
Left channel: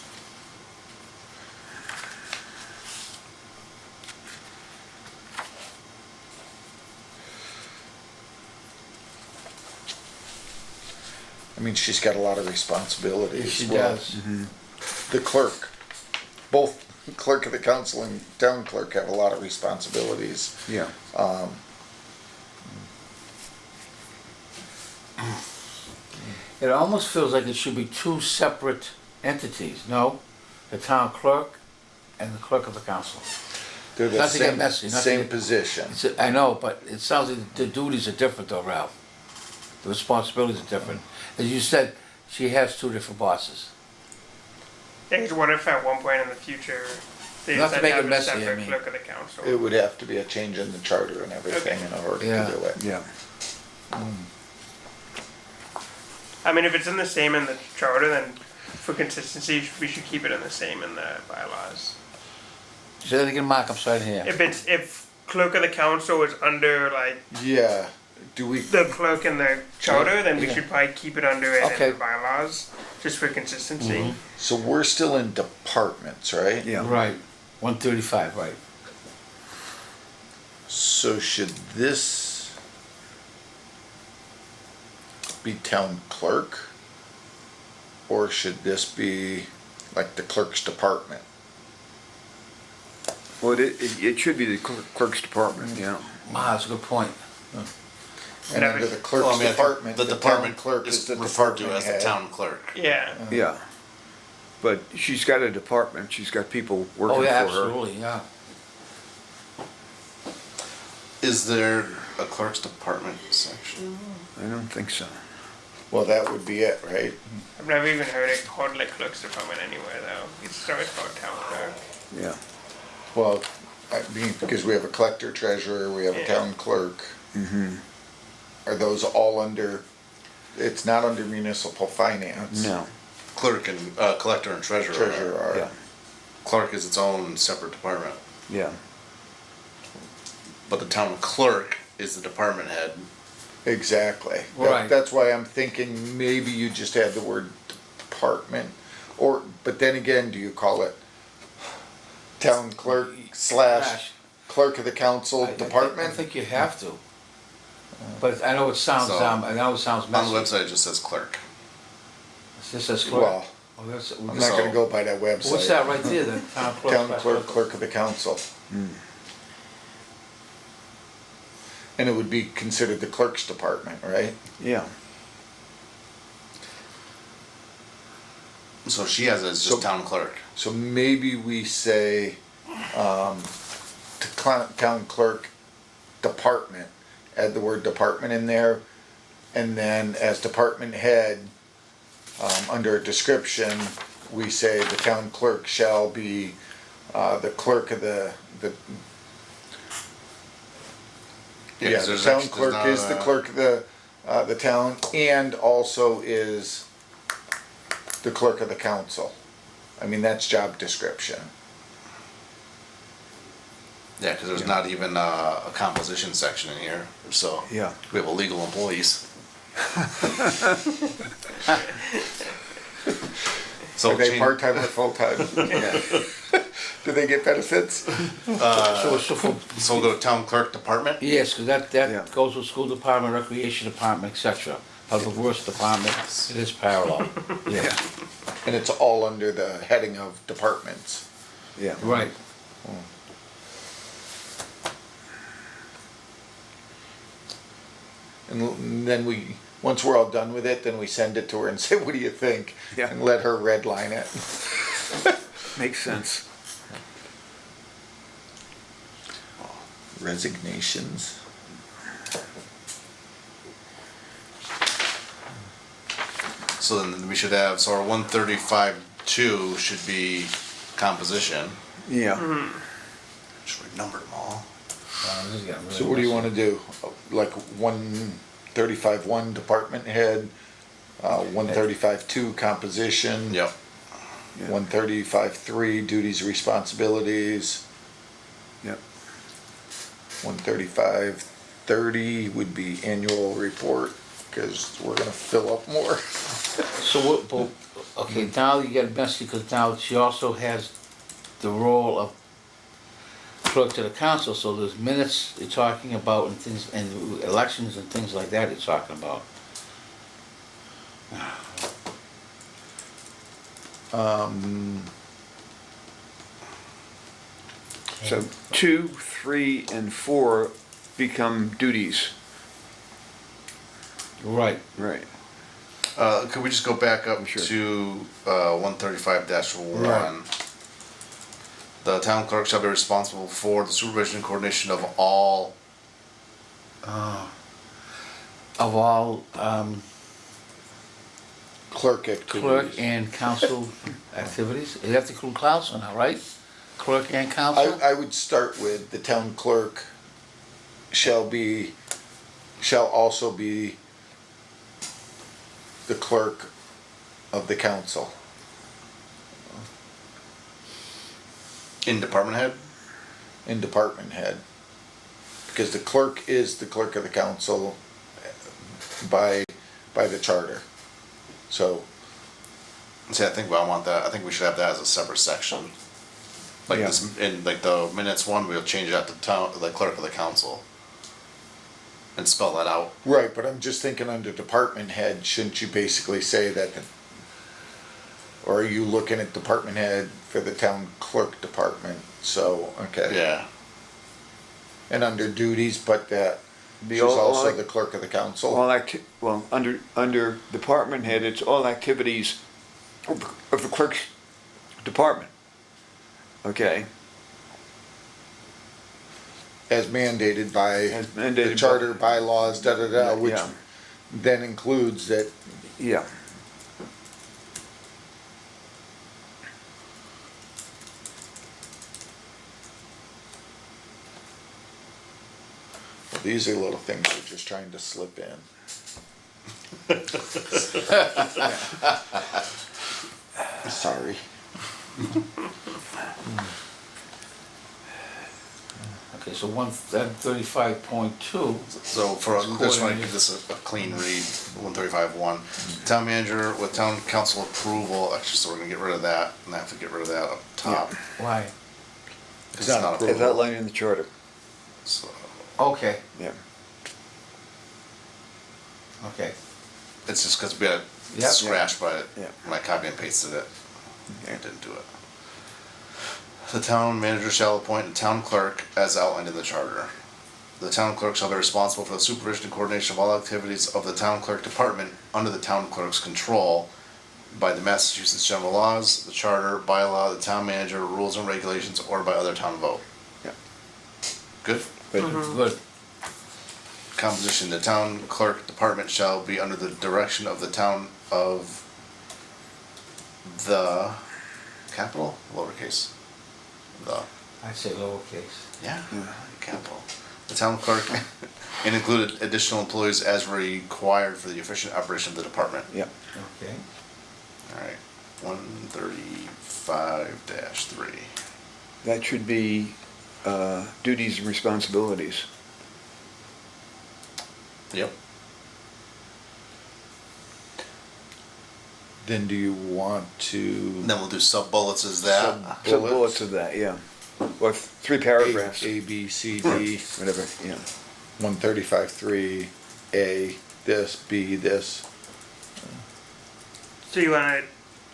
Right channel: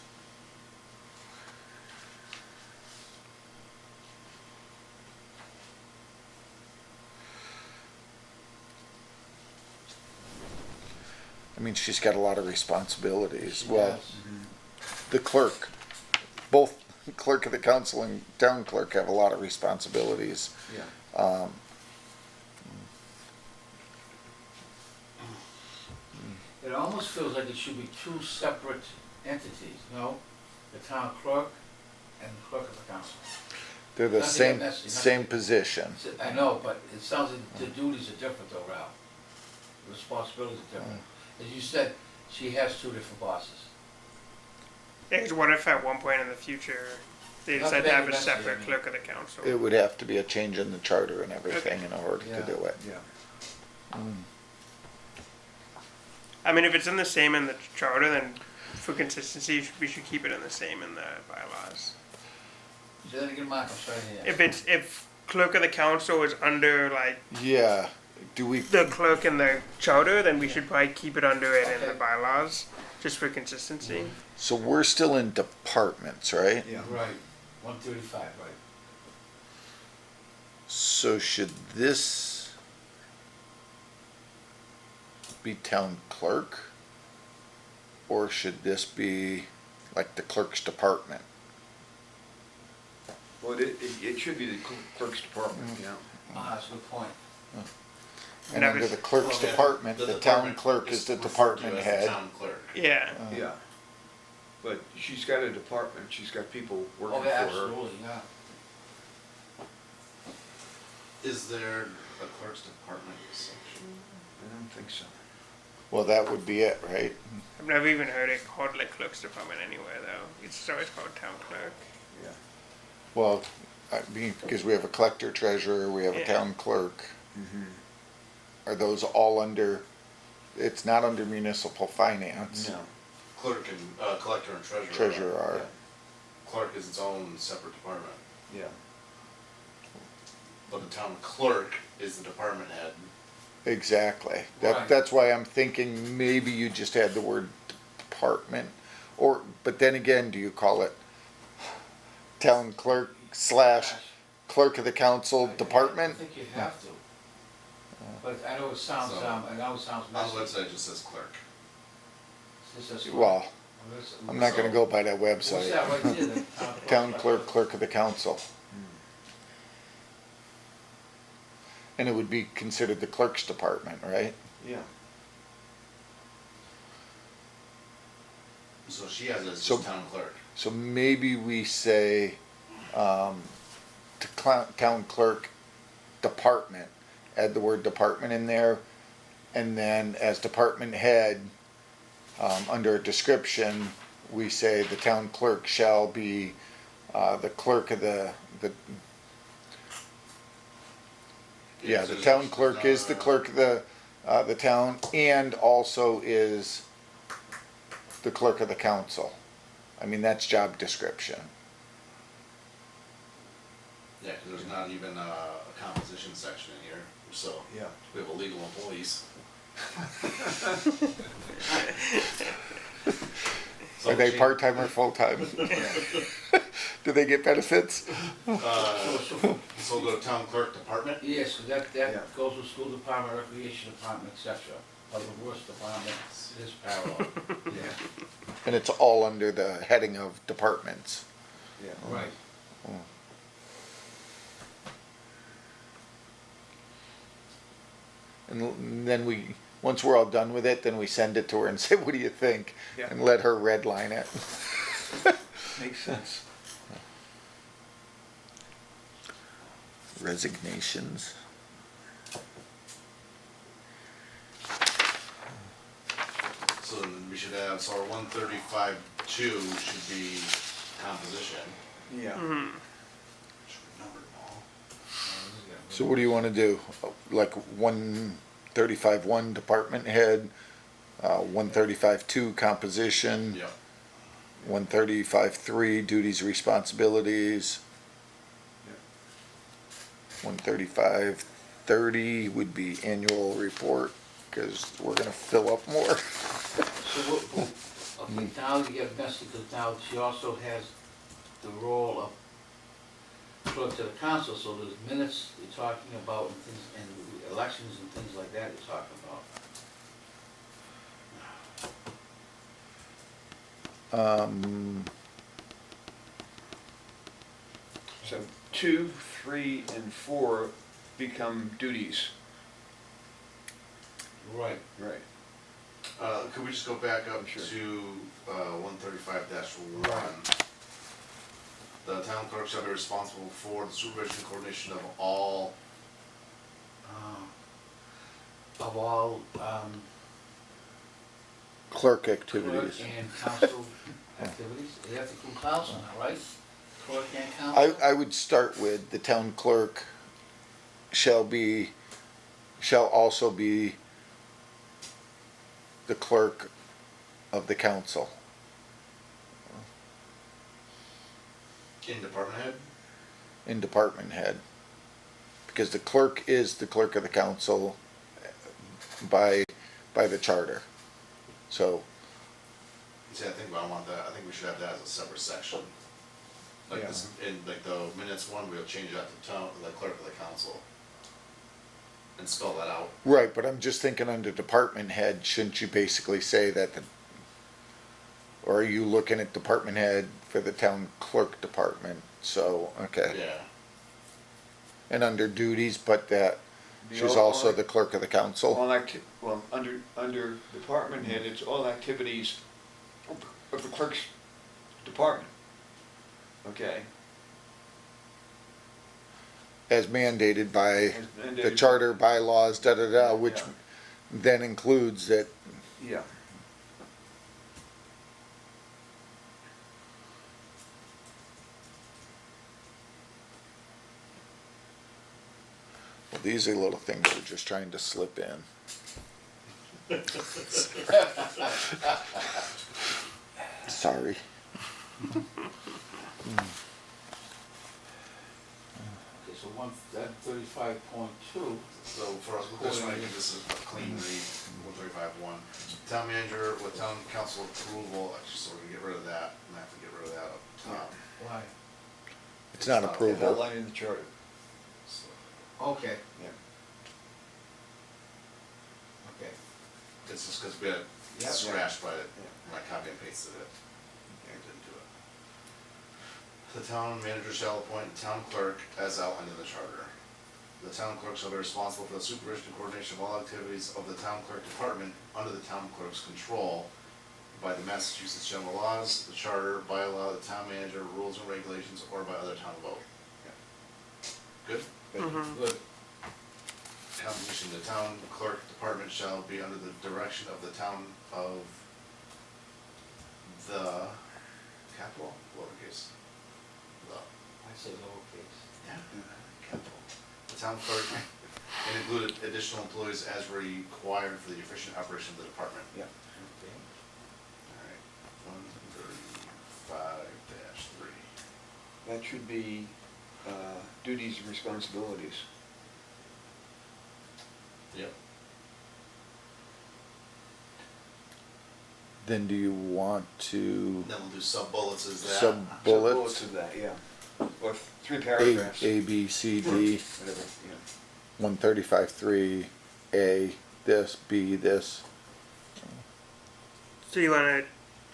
mean, she's got a lot of responsibilities. She Well, does. The clerk, both clerk of the council and town clerk have a lot of responsibilities. Yeah. It almost feels like it should be two separate entities, no? The town clerk and the clerk of the council. They're the Not to get same, messy, not to same get- position. I know, but it sounds like the duties are different though, Ralph. The responsibilities are different. As you said, she has two different bosses. Yeah, 'cause what if at one point in the future they Not to decide to make it have a messy, I separate mean. clerk of the council? It would have to be a change in the charter and everything Okay. in order Yeah. to do it. Yeah. I mean, if it's in the same in the charter, then for consistency, we should keep it in the same in the bylaws. Say that again, Mark, I'm sorry to hear. If clerk of the council is under like Yeah, do we, the clerk in the charter, then we Yeah. should probably keep it under it Okay. in the bylaws, just for consistency. so we're still in departments, right? Yeah. Right, 135, right. So should this be town clerk? Or should this be like the clerk's department? Well, it should be the clerk's department, yeah. Ah, that's a good point. And I under was- the clerk's Well, I mean, department, the the town department clerk is is the referred to department as the head. town clerk. Yeah. Yeah. But she's got a department, she's got people working Oh, for yeah, her. absolutely, yeah. Is there a clerk's department section? I don't think so. Well, that would be it, right? I've never even heard it called like clerk's department anywhere though. It's always called town clerk. Yeah. Well, I mean, because we have a collector treasurer, we have a Yeah. town clerk. Are those all under, it's not under municipal finance? No. Clerk and, collector and treasurer. Treasurer are. Yeah. Clerk is its own separate department, Yeah. but the town clerk is the department head. Exactly. Right. That's why I'm thinking maybe you just had the word department, or, but then again, do you call it town clerk slash clerk of the council I department? think you have to. But I know it sounds, So, I know it sounds On the messy. website, it just says clerk. This says clerk. Well, Oh, that's- I'm not gonna go by that website. What's that right there, then? Town clerk. Town clerk, clerk of the council. And it would be considered the clerk's department, right? Yeah. So she has it as So- just town clerk. So maybe we say, town clerk department, add the word department in there, and then as department head, under a description, we say the town clerk shall be, the clerk of the, yeah, 'cause the there's town actually- clerk there's is not the a- clerk of the town, and also is the clerk of the council. I mean, that's job description. Yeah, because there's not even a composition section in here, so. Yeah. We have illegal employees. So Are they change- part-time or full-time? Do they get benefits? So for, So we'll go to town clerk department? yes, cause that Yeah. goes with school department, recreation department, et cetera. Public works department, it is parallel. Yeah. And it's all under the heading of departments. Yeah. Right. And then we, once we're all done with it, then we send it to her and say, what do you think? Yeah. And let her redline it. Makes sense. Resignations. So then we should have, so our 135-2 should be composition. Yeah. Should we number them all? This is getting really So what do you messy. wanna do? Like 135-1 department head, 135-2 composition. Yep. 135-3 duties, responsibilities. Yep. 135-30 would be annual report, cause we're gonna fill up more. So what, but, okay, now you get messy, cause now she also has the role of clerk to the council, so there's minutes you're talking about and things, and elections and things like that you're talking about. So 2, 3, and 4 become duties. Right. Right. Could we just go back up Sure. to 135-1? Right. The town clerk shall be responsible for the supervision and coordination of all. Of all, Clerk clerk activities. and council activities, you have to include council now, right? Clerk and council? I would start with the town clerk shall also be the clerk of the council. In department head? And department head. Because the clerk is the clerk of the council by the charter. So, See, I think I want that, I think we should have that as a separate section. Like Yeah. this, in like the minutes one, we'll change that to town, the clerk of the council. And spell that out. right, but I'm just thinking under department head, shouldn't you basically say that or are you looking at department head for the town clerk department? So, okay. Yeah. And under duties, but that Be she's all also like- the clerk of the council. Under department head, it's all activities of the clerk's department. Okay, As mandated by As mandated the by- charter, bylaws, Yeah, which yeah. then includes that yeah. these are little things we're just trying to slip in. Sorry. Okay, so 135.2, So for this one, I give this a clean read, 135-1. Town manager with town council approval, actually, so we're gonna get rid of that, and I have to get rid of that up top. why? It's not As approval. outlined in the charter, So, Okay, yeah. okay. it's just cause we had Yep. scratched by it, Yeah. when I copy and pasted it, I didn't do it. The town manager shall appoint a town clerk as outlined in the charter. The town clerk shall be responsible for the supervision and coordination of all activities of the town clerk department under the town clerk's control by the Massachusetts general laws, the charter, bylaw, the town manager, rules and regulations, or by other town vote. Yeah. Good? But Good. Composition, the town clerk department shall be under the direction of the town of the capital, lowercase, the, I'd say lowercase. yeah, capital. The town clerk and included additional employees as required for the efficient operation of the department. yeah, Okay. Alright, 135-3. that should be duties and responsibilities. Yep. Then do you want to Then we'll do sub bullets as that. Sub bullets of that, yeah. Or 3 paragraphs, A, B, C, D, whatever, yeah. 135-3, A, this, B, this. So you wanna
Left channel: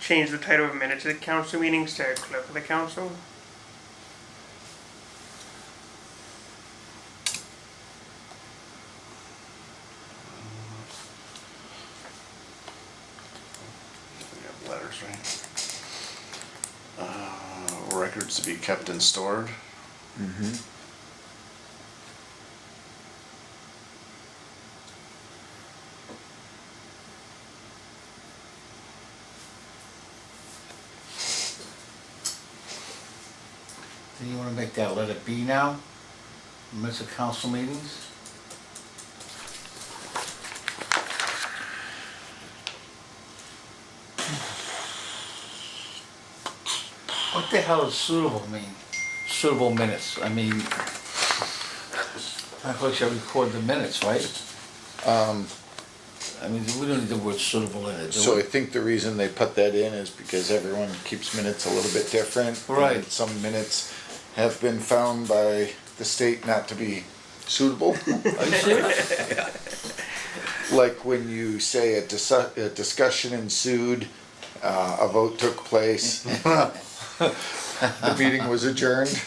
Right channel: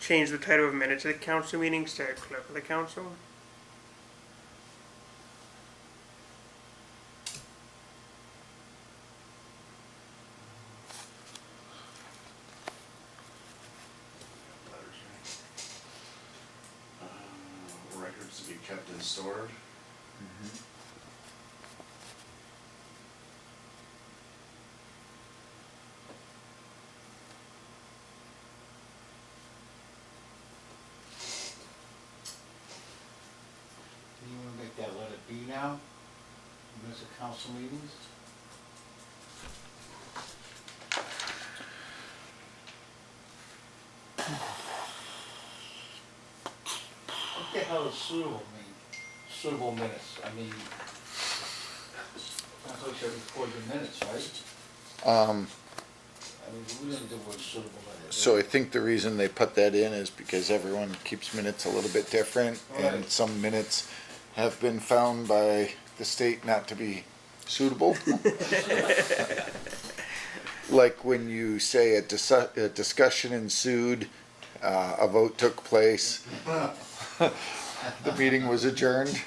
change the title of minutes of the council meetings to clerk of the council? We have letters, right? Records to be kept and stored. Mm-hmm. Then you wanna make that letter B now? Minutes of council meetings? What the hell does suitable mean? Suitable minutes, I mean, I thought you record the minutes, right? I mean, we don't need the word suitable in it, do So I we? think the reason they put that in is because everyone keeps minutes a little bit different. Right. And some minutes have been found by the state not to be suitable. Are you serious? Like when you say a discussion ensued, a vote took place, the meeting was adjourned.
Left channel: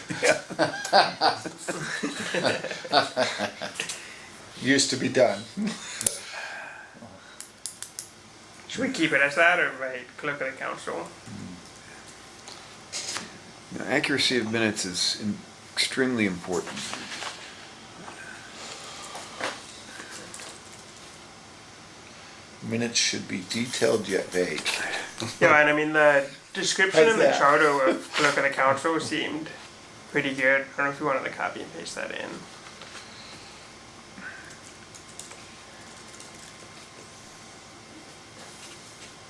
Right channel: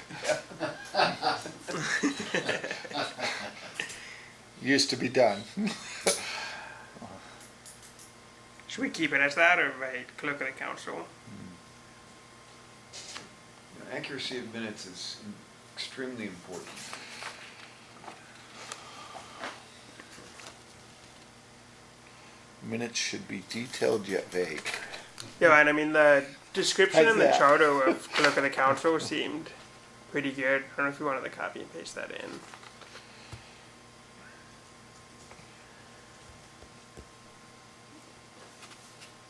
Used to be done. Should we keep it as that or write clerk of the council? Now, accuracy of minutes is extremely important. Minutes should be detailed yet vague. Yeah, and I mean the description How's in the that? charter of clerk of the council seemed pretty good. I don't know if you wanted to copy and paste that in.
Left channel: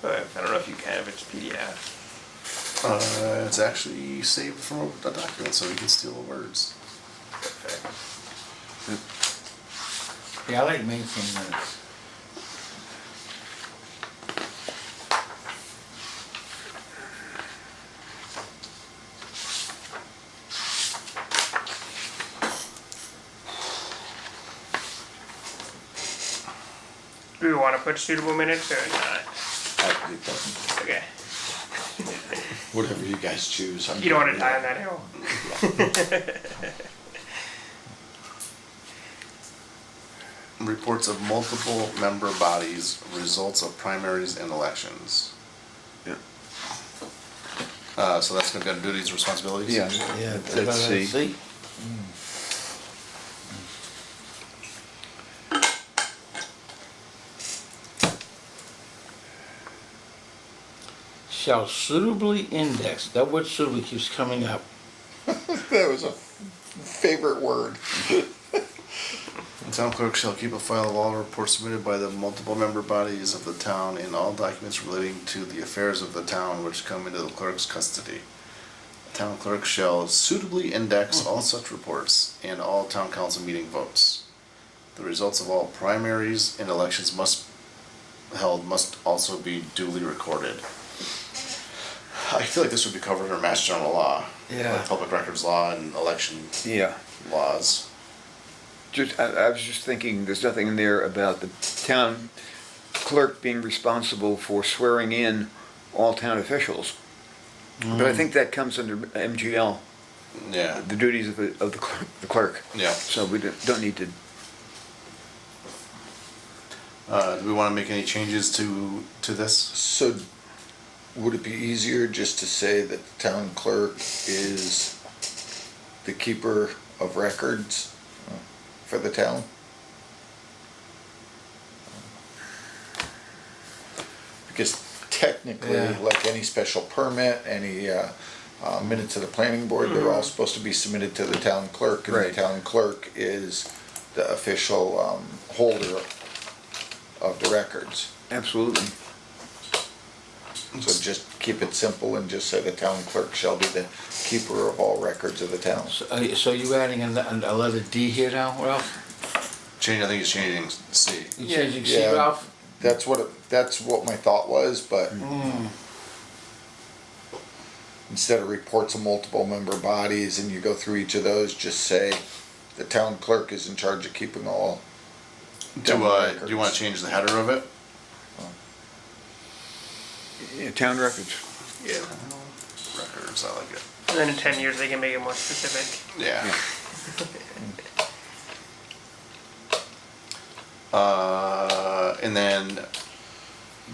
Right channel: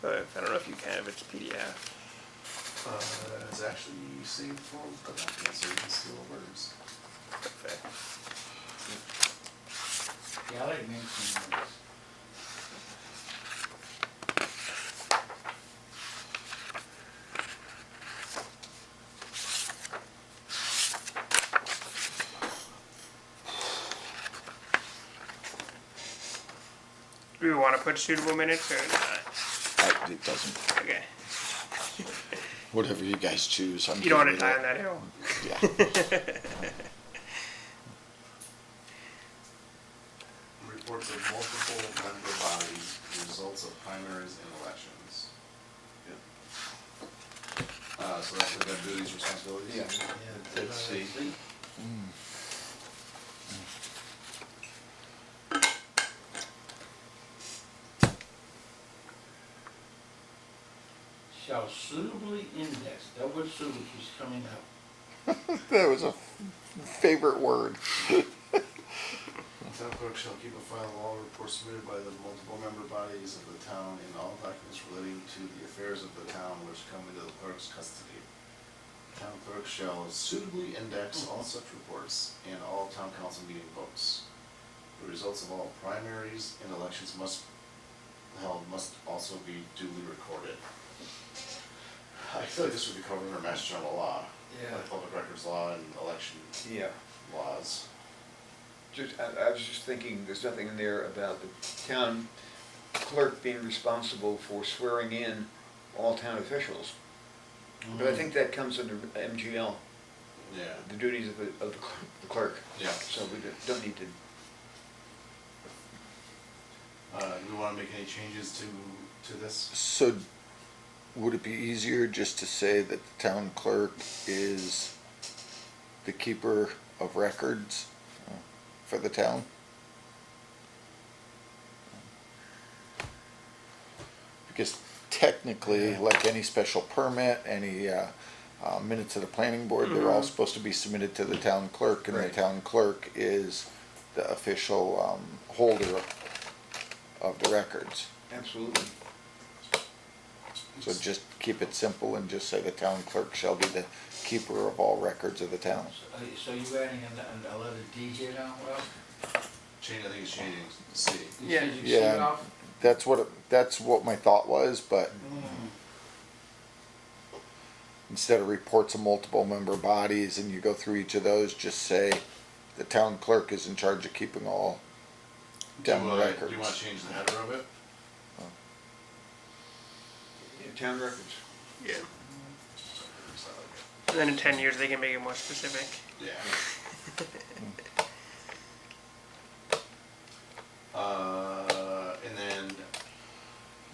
But I don't know if you can if it's PDF. It's actually saved from a document, so we can steal the words. Perfect. Yeah, I like maintain minutes. Do we want to put suitable minutes or not? Okay. Whatever you guys choose. You don't want to die on that hill. Reports of multiple member bodies, results of primaries and elections. Yeah. So that's gonna be under duties, responsibilities? Yeah, let's see. Shall suitably index, that word suitably keeps coming up. That was a favorite word. The town clerk shall keep a file of all reports submitted by the multiple member bodies of the town and all documents relating to the affairs of the town which come into the clerk's custody. The town clerk shall suitably index all such reports and all town council meeting votes. The results of all primaries and elections must also be duly recorded. I feel like this would be covered under Mass General Law. Yeah. Like public records law and election Yeah. laws. I was just thinking, there's nothing in there about the town clerk being responsible for swearing in all town officials. But I think that comes under MGL, Yeah, the duties of the clerk. yeah. So we don't need to. Do we wanna make any changes to this? So, would it be easier just to say that the town clerk is the keeper of records for the town? Because technically, Yeah. like any special permit, any minutes of the planning board, they're all supposed to be submitted to the town clerk, and Right. the town clerk is the official holder of the records. Absolutely. So just keep it simple and just say the town clerk shall be the keeper of all records of the town. So you adding a letter D here now, Ralph? I think it's changing C. You changing C, Yeah. Ralph? That's what my thought was, but instead of reports of multiple member bodies and you go through each of those, just say the town clerk is in charge of keeping all town Do records. you wanna change the header of it? Yeah, town records. Yeah. Records, I like it. And then in 10 years they can make it more specific. Yeah. And then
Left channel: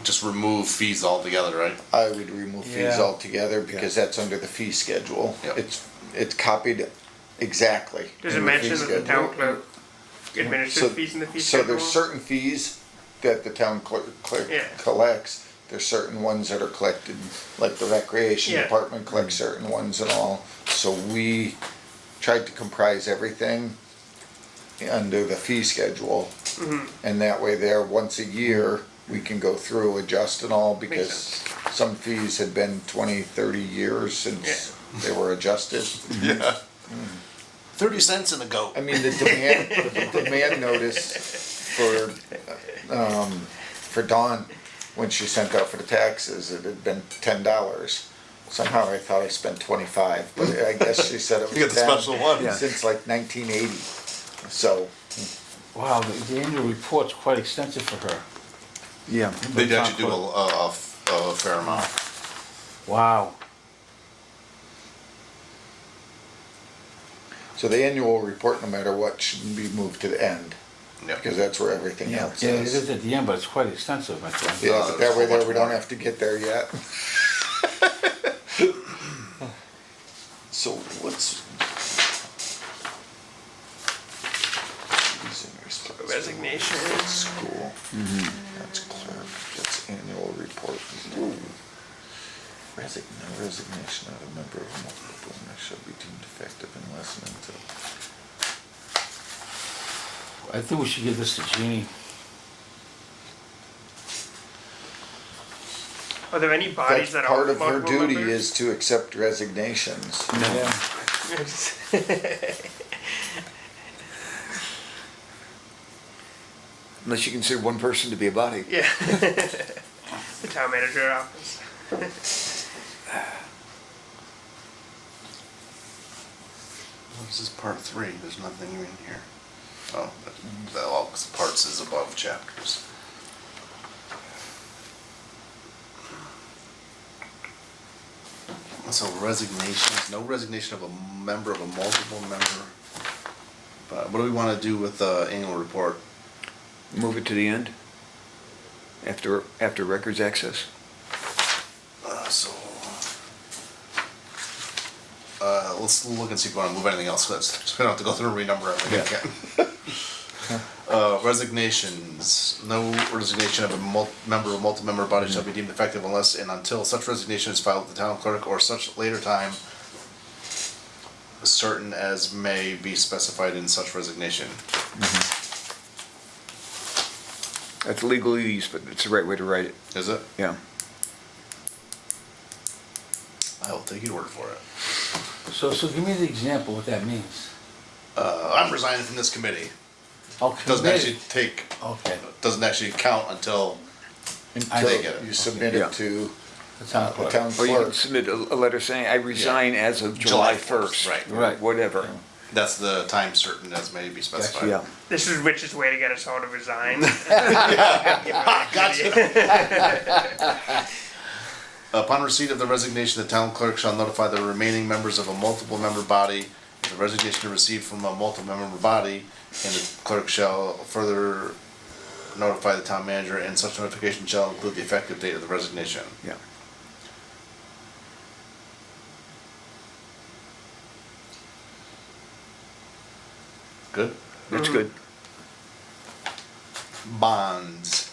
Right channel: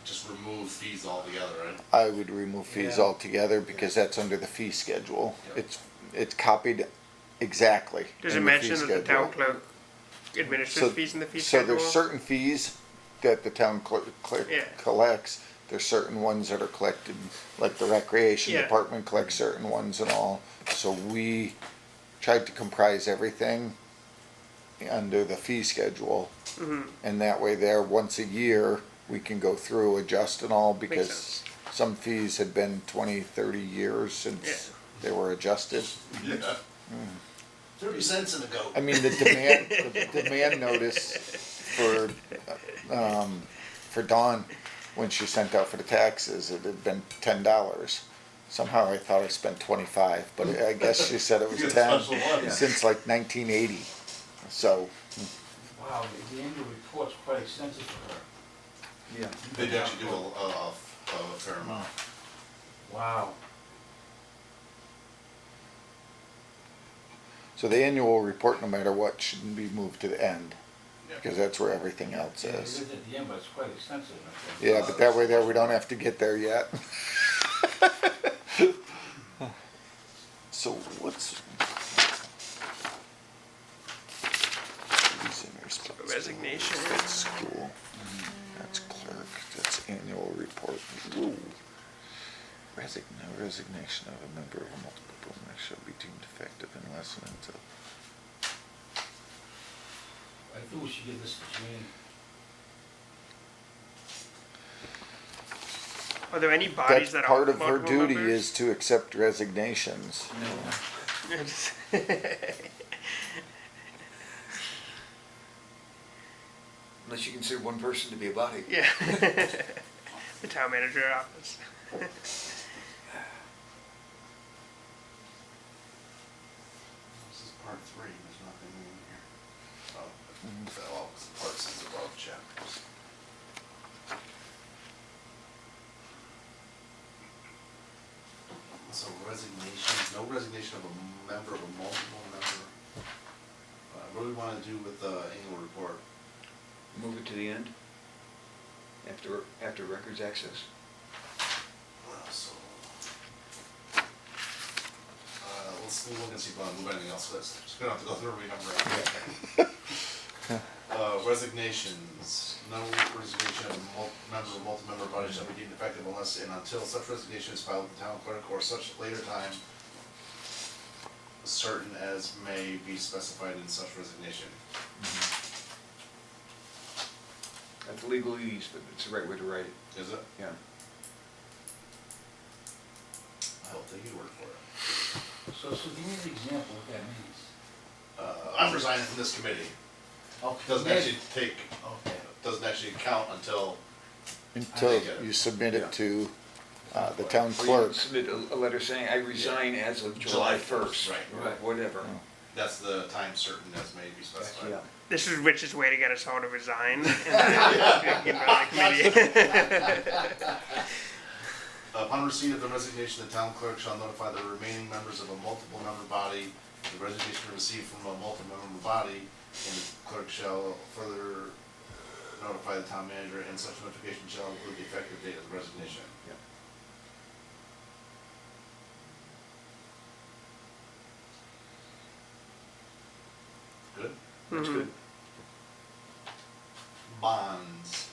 just remove fees altogether, right? I would remove fees Yeah. altogether because that's under the fee schedule. Yep. It's copied exactly. Does it in the mention fee that the schedule. town clerk administers fees in the fee So schedule? there's certain fees that the town Yeah. collects. There's certain ones that are collected, like the recreation Yeah. department collects certain ones and all. So we tried to comprise everything under the fee schedule. Mm-hmm. And that way there, once a year, we can go through, adjust and all, because sense. some fees had been 20, 30 years since they were adjusted. Yeah. 30 cents in a goat. I mean, the demand notice for Dawn, when she sent out for the taxes, it had been $10. Somehow I thought I spent 25, but I guess she said it You was get the 10 special one. Yeah. since like 1980. So Wow, the annual report's quite extensive for her. Yeah. They actually do a fair amount. Wow. So the annual report, no matter what, shouldn't be moved to the end, Yeah. because that's where everything else Yeah, it is. is at the end, but it's quite extensive, my friend. Yeah, but that way there, we don't more. have to get there yet. So what's? Resignation. School. That's clerk, that's annual report. Resignation of a member of multiple members shall be deemed effective unless and until. I think we should give this to Jeannie. Are there any bodies That's that part are of her multiple duty members? is to accept resignations. Yeah. Unless you consider one person to be a body. Yeah. The town manager office. This is part 3, there's nothing in here. Oh, well, 'cause parts is above chapters. So resignation, no resignation of a member of a multiple member. But what do we wanna do with the annual report? Move it to the end. After records access. Let's look and see if we wanna move anything else, so we don't have to go through and renumber everything again. Resignations, no resignation of a member of multi-member body shall be deemed effective unless and until such resignation is filed with the town clerk or such later time certain as may be specified in such resignation. That's legalese, but it's the right way to write it. Is it? Yeah. I will take your word for it. So give me the example what that means. I'm resigning from this committee. Okay. Doesn't actually take, Okay, doesn't actually count until, Until get it. you submit Yeah. it to the town the clerk. town Or you can clerk. submit a letter saying, I resign as of July 1st. Right. Right. Whatever. that's the time certain as may be specified. Yeah. This is Rich's way to get us all to resign. Get rid of the committee. Upon receipt of the resignation, the town clerk shall notify the remaining members of a multiple member body. If the resignation is received from a multiple member body, and the clerk shall further notify the town manager, and such notification shall include the effective date of the resignation. Yeah. Good? That's good. Bonds.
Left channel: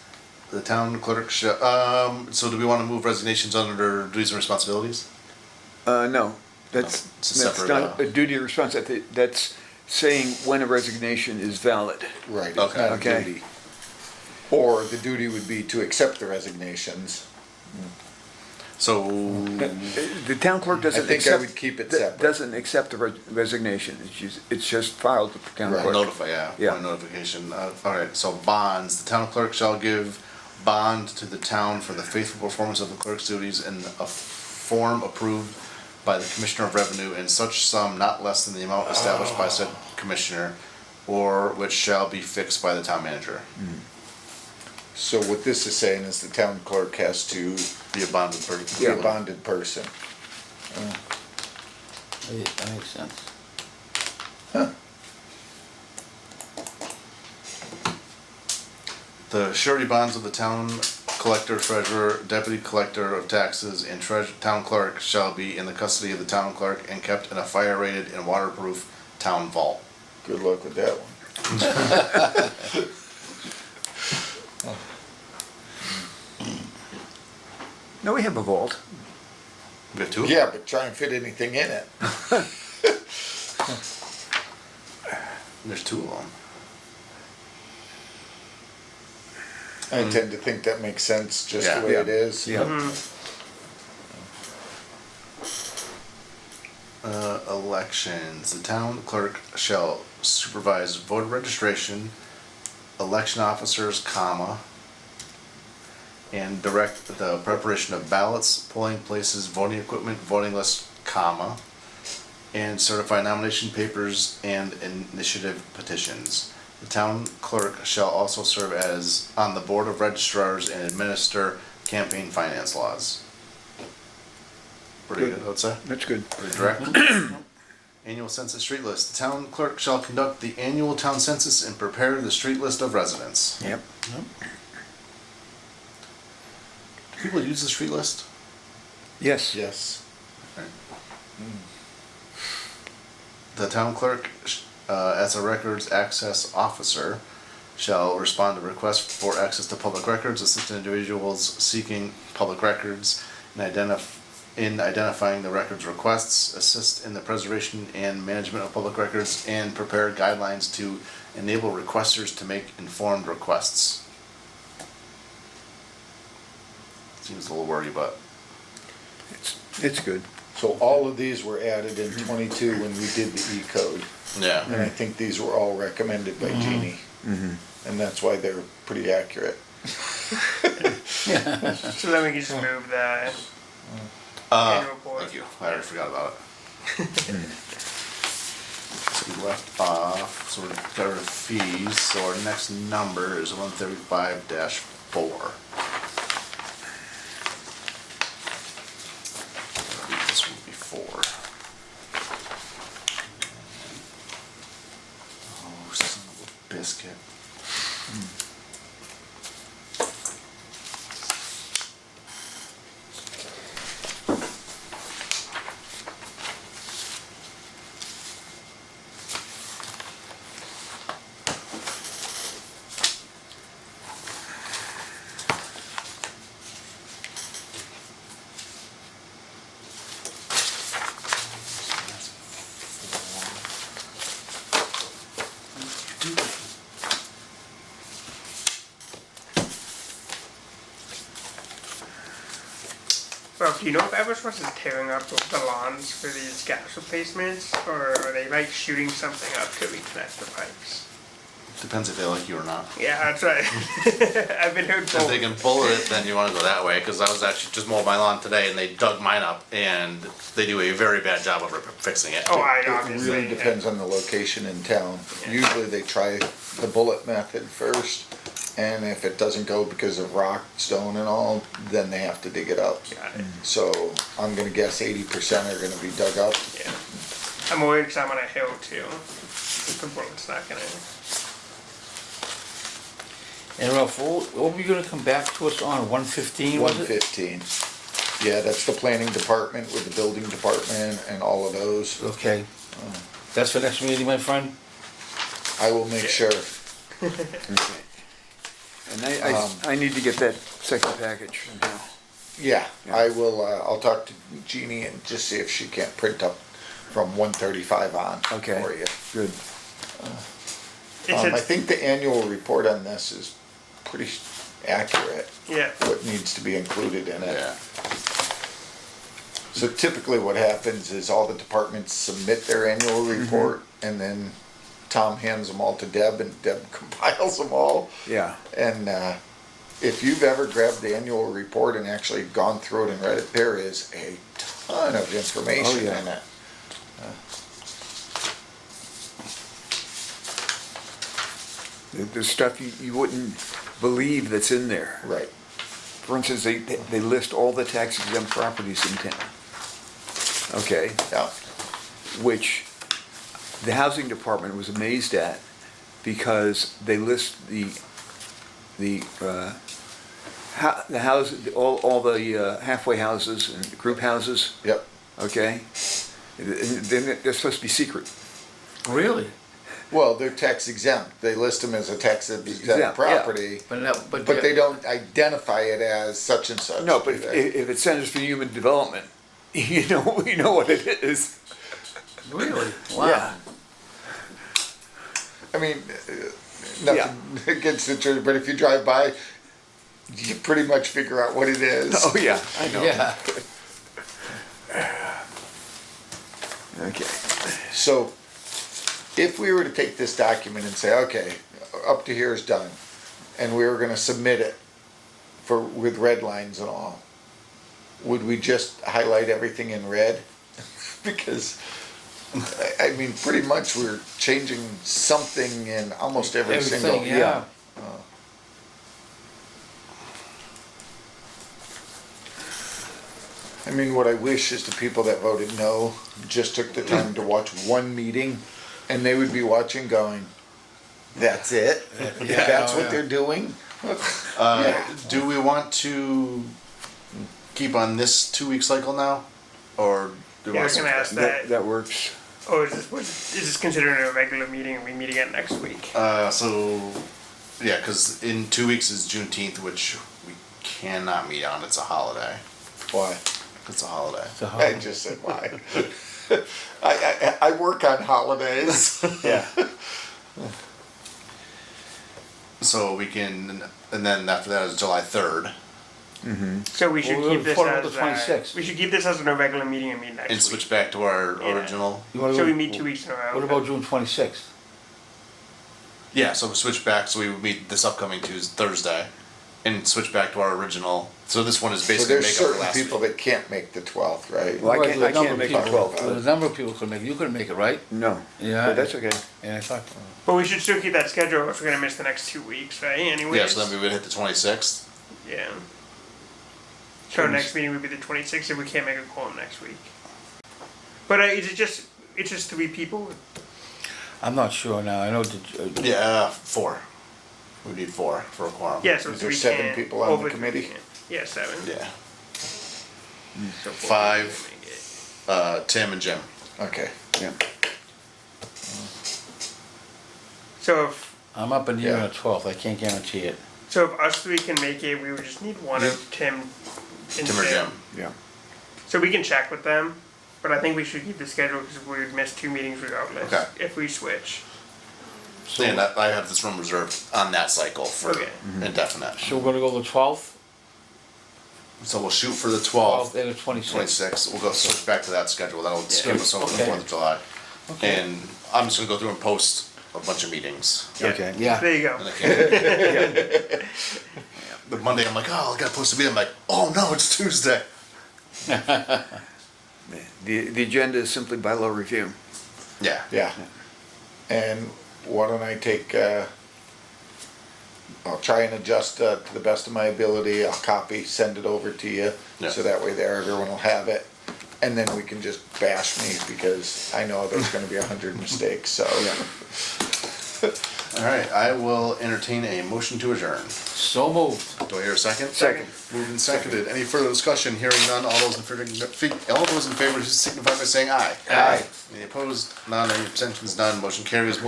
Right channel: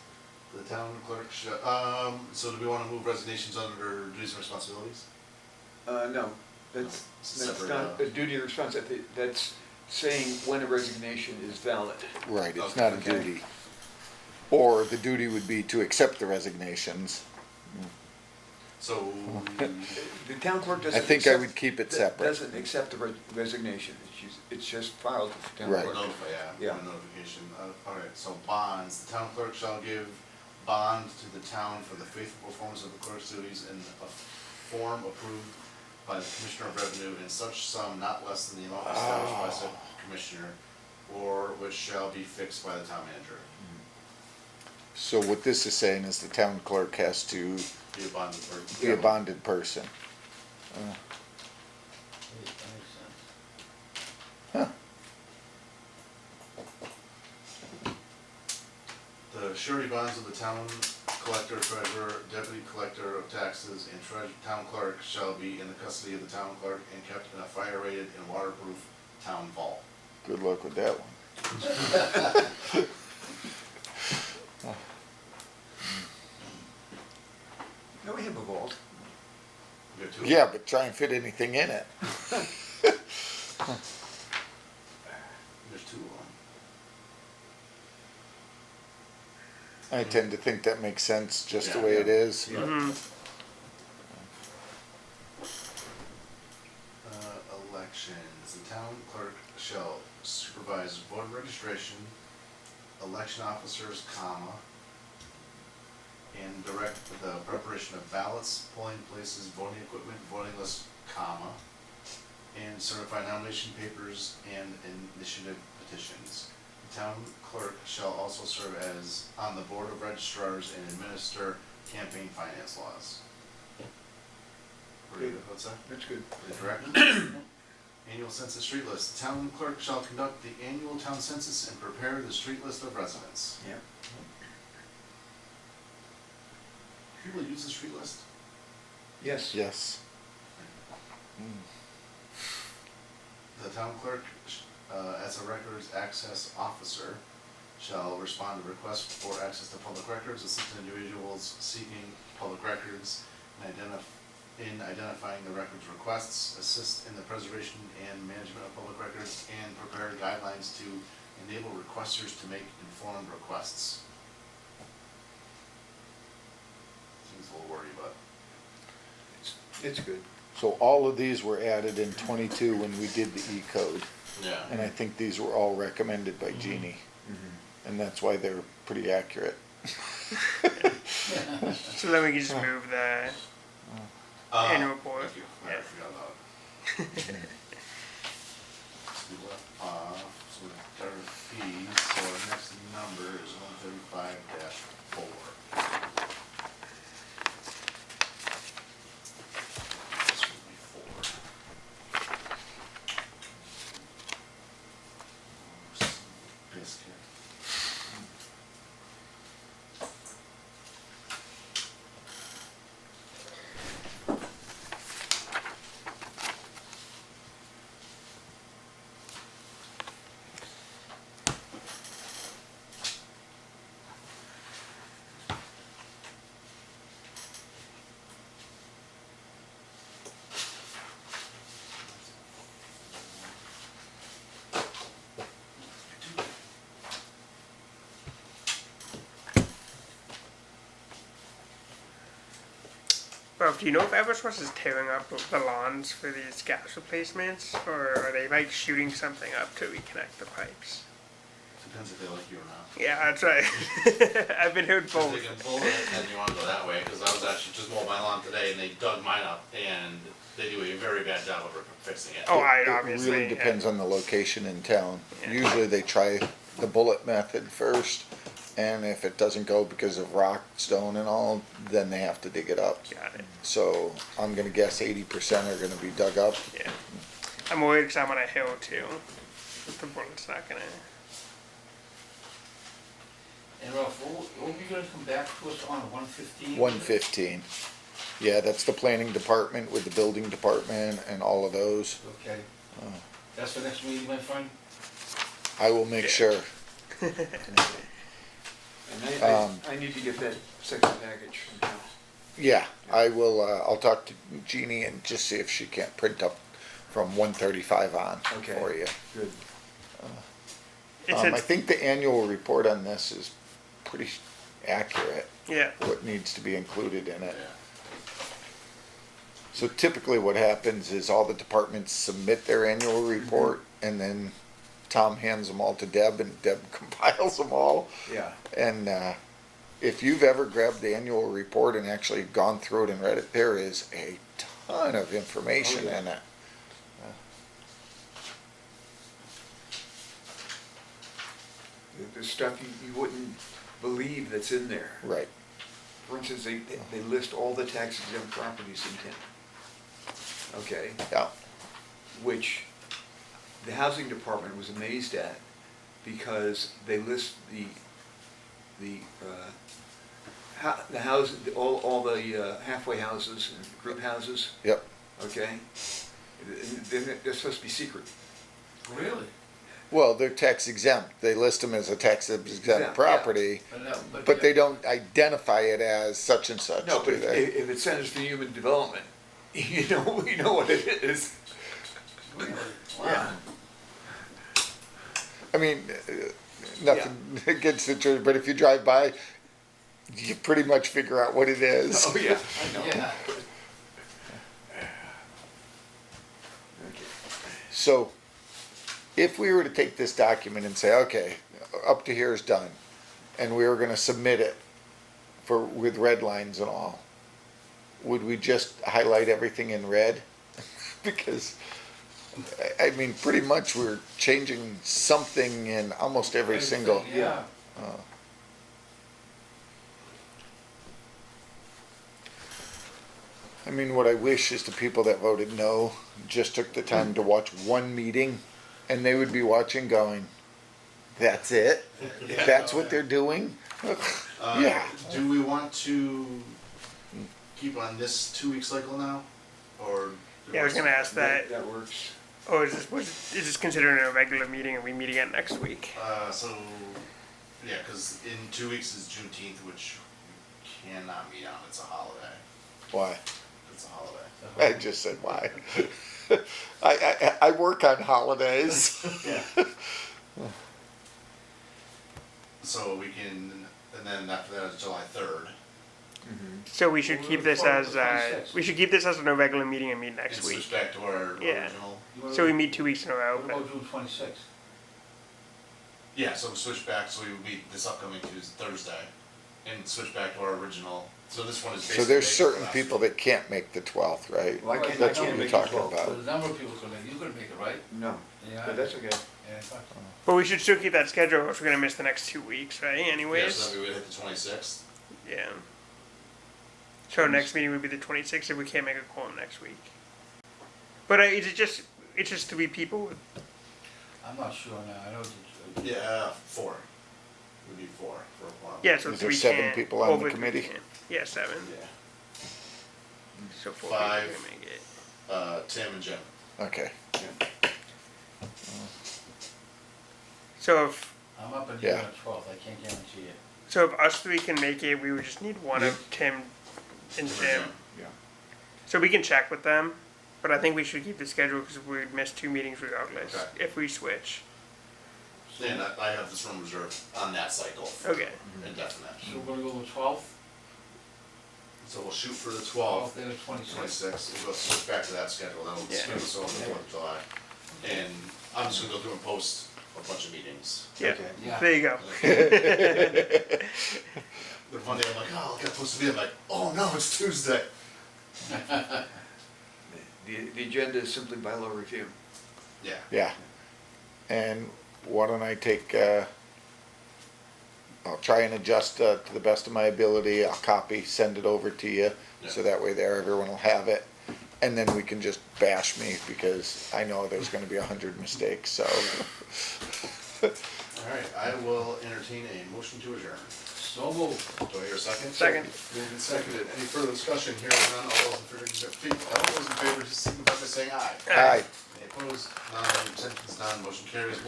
The town clerk shall, so do we wanna move resignations under duties and responsibilities? No, that's It's a that's separate, not a duty or responsibility. That's saying when a resignation is valid. Right, it's Okay. not a Okay. duty. Or the duty would be to accept the resignations. So, The town clerk I doesn't think I accept. would keep it d- separate. Doesn't accept the resignation. It's just filed with the town Right. clerk. notify, Yeah. one notification, alright, so bonds, the town clerk shall give bond to the town for the faithful performance of the clerk's duties in a form approved by the Commissioner of Revenue in such sum not less than the amount established by said commissioner, or which shall be fixed by the town manager. So what this is saying is the town clerk has to Be a bonded person. be a Yeah. bonded person. That makes sense. The surety bonds of the town collector, treasurer, deputy collector of taxes, and town clerk shall be in the custody of the town clerk and kept in a fire-rated and waterproof town vault. Good luck with that one. No, we have a vault. We have two? Yeah, but try and fit anything in it. There's two of them. I tend to think that makes sense just the Yeah. way Yeah. it is. Yeah. Elections, the town clerk shall supervise voter registration, election officers, comma, and direct the preparation of ballots, polling places, voting equipment, voting lists, comma, and certify nomination papers and initiative petitions. The town clerk shall also serve as on the board of registrars and administer campaign finance laws. Pretty good, I would say. That's good. Pretty direct. Annual census street list. The town clerk shall conduct the annual town census and prepare the street list of residents. Yep. Do people use the street list? Yes. Yes. The town clerk, as a records access officer, shall respond to requests for access to public records, assist individuals seeking public records, and in identifying the records requests, assist in the preservation and management of public records, and prepare guidelines to enable requesters to make informed requests. Seems a little wordy, but It's good. So all of these were added in 22 when we did the E-code. yeah. And I think these were all recommended by Jeannie. Mm-hmm. And that's why they're pretty accurate. So then we can just move the annual report. Thank you. I already forgot about it. So we left off, so we're got rid of fees, so our next number is 135-4. This will be 4. Oh, son of a biscuit. Well, do you know if Eversource is tearing up the lawns for these gas replacements, or are they like shooting something up to reconnect the pipes? Depends if they like you or not. Yeah, that's right. I've been heard If both. they can pull it, then you wanna go that way, cause I was actually just mowing my lawn today and they dug mine up and they do a very bad job of fixing it. Oh, I It obviously. really depends on the location in town. Yeah. Usually they try the bullet method first, and if it doesn't go because of rock, stone and all, then they have to dig it up. Got it. So I'm gonna guess 80% are gonna be dug up. Yeah. I'm worried because I'm on a hill too. The road's not gonna. And Ralph, what were you gonna come back to us on, 115, was it? 115. Yeah, that's the planning department with the building department and all of those. Okay. That's for next meeting, my friend? I will make sure. And I need to get that second package now. Yeah, I will, I'll talk to Jeannie and just see if she can't print up from 135 on Okay. for you. Good. I think the annual report on this is pretty accurate, Yeah. what needs to be included in it. Yeah. So typically what happens is all the departments submit their annual report and then Tom hands them all to Deb and Deb compiles them all. Yeah. And if you've ever grabbed the annual report and actually gone through it and read it, there is a ton of information Oh, yeah. in it. There's stuff you wouldn't believe that's in there. Right. For instance, they list all the tax exempt properties in town. Okay, Yeah. which the housing department was amazed at because they list the house, all the halfway houses and group houses, Yep. okay? Then they're supposed to be secret. Really? Well, they're tax exempt. They list them as a tax exempt Exempt, yeah. property, But but they don't identify it as such and such. No, do but if, they? if it Centers for Human Development, you know what it is. Really? Yeah. Wow. I mean, nothing against the church, but if you drive by, you pretty much figure out what it is. Oh, yeah, I know. Yeah. Okay. So, if we were to take this document and say, okay, up to here is done, and we were gonna submit it with red lines and all, would we just highlight everything in red? Because I mean, pretty much we're changing something in almost every single. Everything, yeah. I mean, what I wish is the people that voted no just took the time to watch one meeting, and they would be watching going, that's it? That's what they're doing? Do we want to keep on this 2-week cycle now, or do we Yeah, I want was to? gonna ask that. That works. Oh, is this considered a regular meeting and we meet again next week? So, yeah, because in 2 weeks is Juneteenth, which we cannot meet on. It's a holiday. Why? It's a holiday. It's a I holiday. just said why. I work on holidays. Yeah. So we can, and then after that is July 3rd, So we should Well, keep this what about as, the 26th? we should keep this as a regular meeting and meet next and week. switch back to our Yeah. original. You wanna So go- we meet 2 weeks in a row. What about June 26th? Yeah, so switch back. So we would meet this upcoming Tuesday, Thursday, and switch back to our original. So this one is So basically there's make up certain last people week. that can't make the 12th, right? Well, I Right, can't, the I number can't of make it people- 12th. There's a number of people couldn't make it. You couldn't make it, right? No, Yeah. but that's okay. Yeah, I thought. But we should still keep that schedule if we're gonna miss the next 2 weeks, right? Anyways. Yeah, so then we would hit the 26th. Yeah. So our next meeting would be the 26th if we can't make a quorum next week. But it's just 3 people. I'm not sure now. I know that. Yeah, 4. We need 4 for a quorum. Yeah, so Is there 3 7 can't. people on the over 3 committee? can't. Yeah, 7. Yeah. So 4 5. people can make it. Tim and Jim. Okay. Yeah. So if I'm up in the air Yeah. on the 12th. I can't guarantee it. if us 3 can make it, we would just need one of Tim and Tim or Jim. Yeah. So we can check with them, but I think we should keep the schedule because we'd miss 2 meetings regardless Okay. if we switch. So, And I have this room reserved on that cycle for Okay. indefinite. so we're gonna go the 12th, So we'll shoot for the 12th 12th, and the 26th. 26th. We'll go switch back to that schedule. That'll skip us over the Okay. 4th of July. Okay. And I'm just gonna go through and post a bunch of meetings. Yeah. Okay. Yeah. There you go. And I can't- The Monday, I'm like, oh, I got supposed to be. I'm like, oh no, it's Tuesday. The agenda is simply bylaw review. Yeah. Yeah. And why don't I take, I'll try and adjust to the best of my ability. I'll copy, send it over to you. Yeah. So that way there, everyone will have it. And then we can just bash me because I know there's gonna be 100 mistakes, so. All right, I will entertain a motion to adjourn. So moved. Do I hear a second? Second. Moved and seconded. Any further discussion? Hearing none. All those in favor signify by saying aye. Aye. Any opposed? None. Any abstentions? None. Motion carries.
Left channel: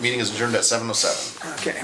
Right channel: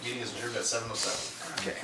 Meeting is adjourned at 7:07. Okay.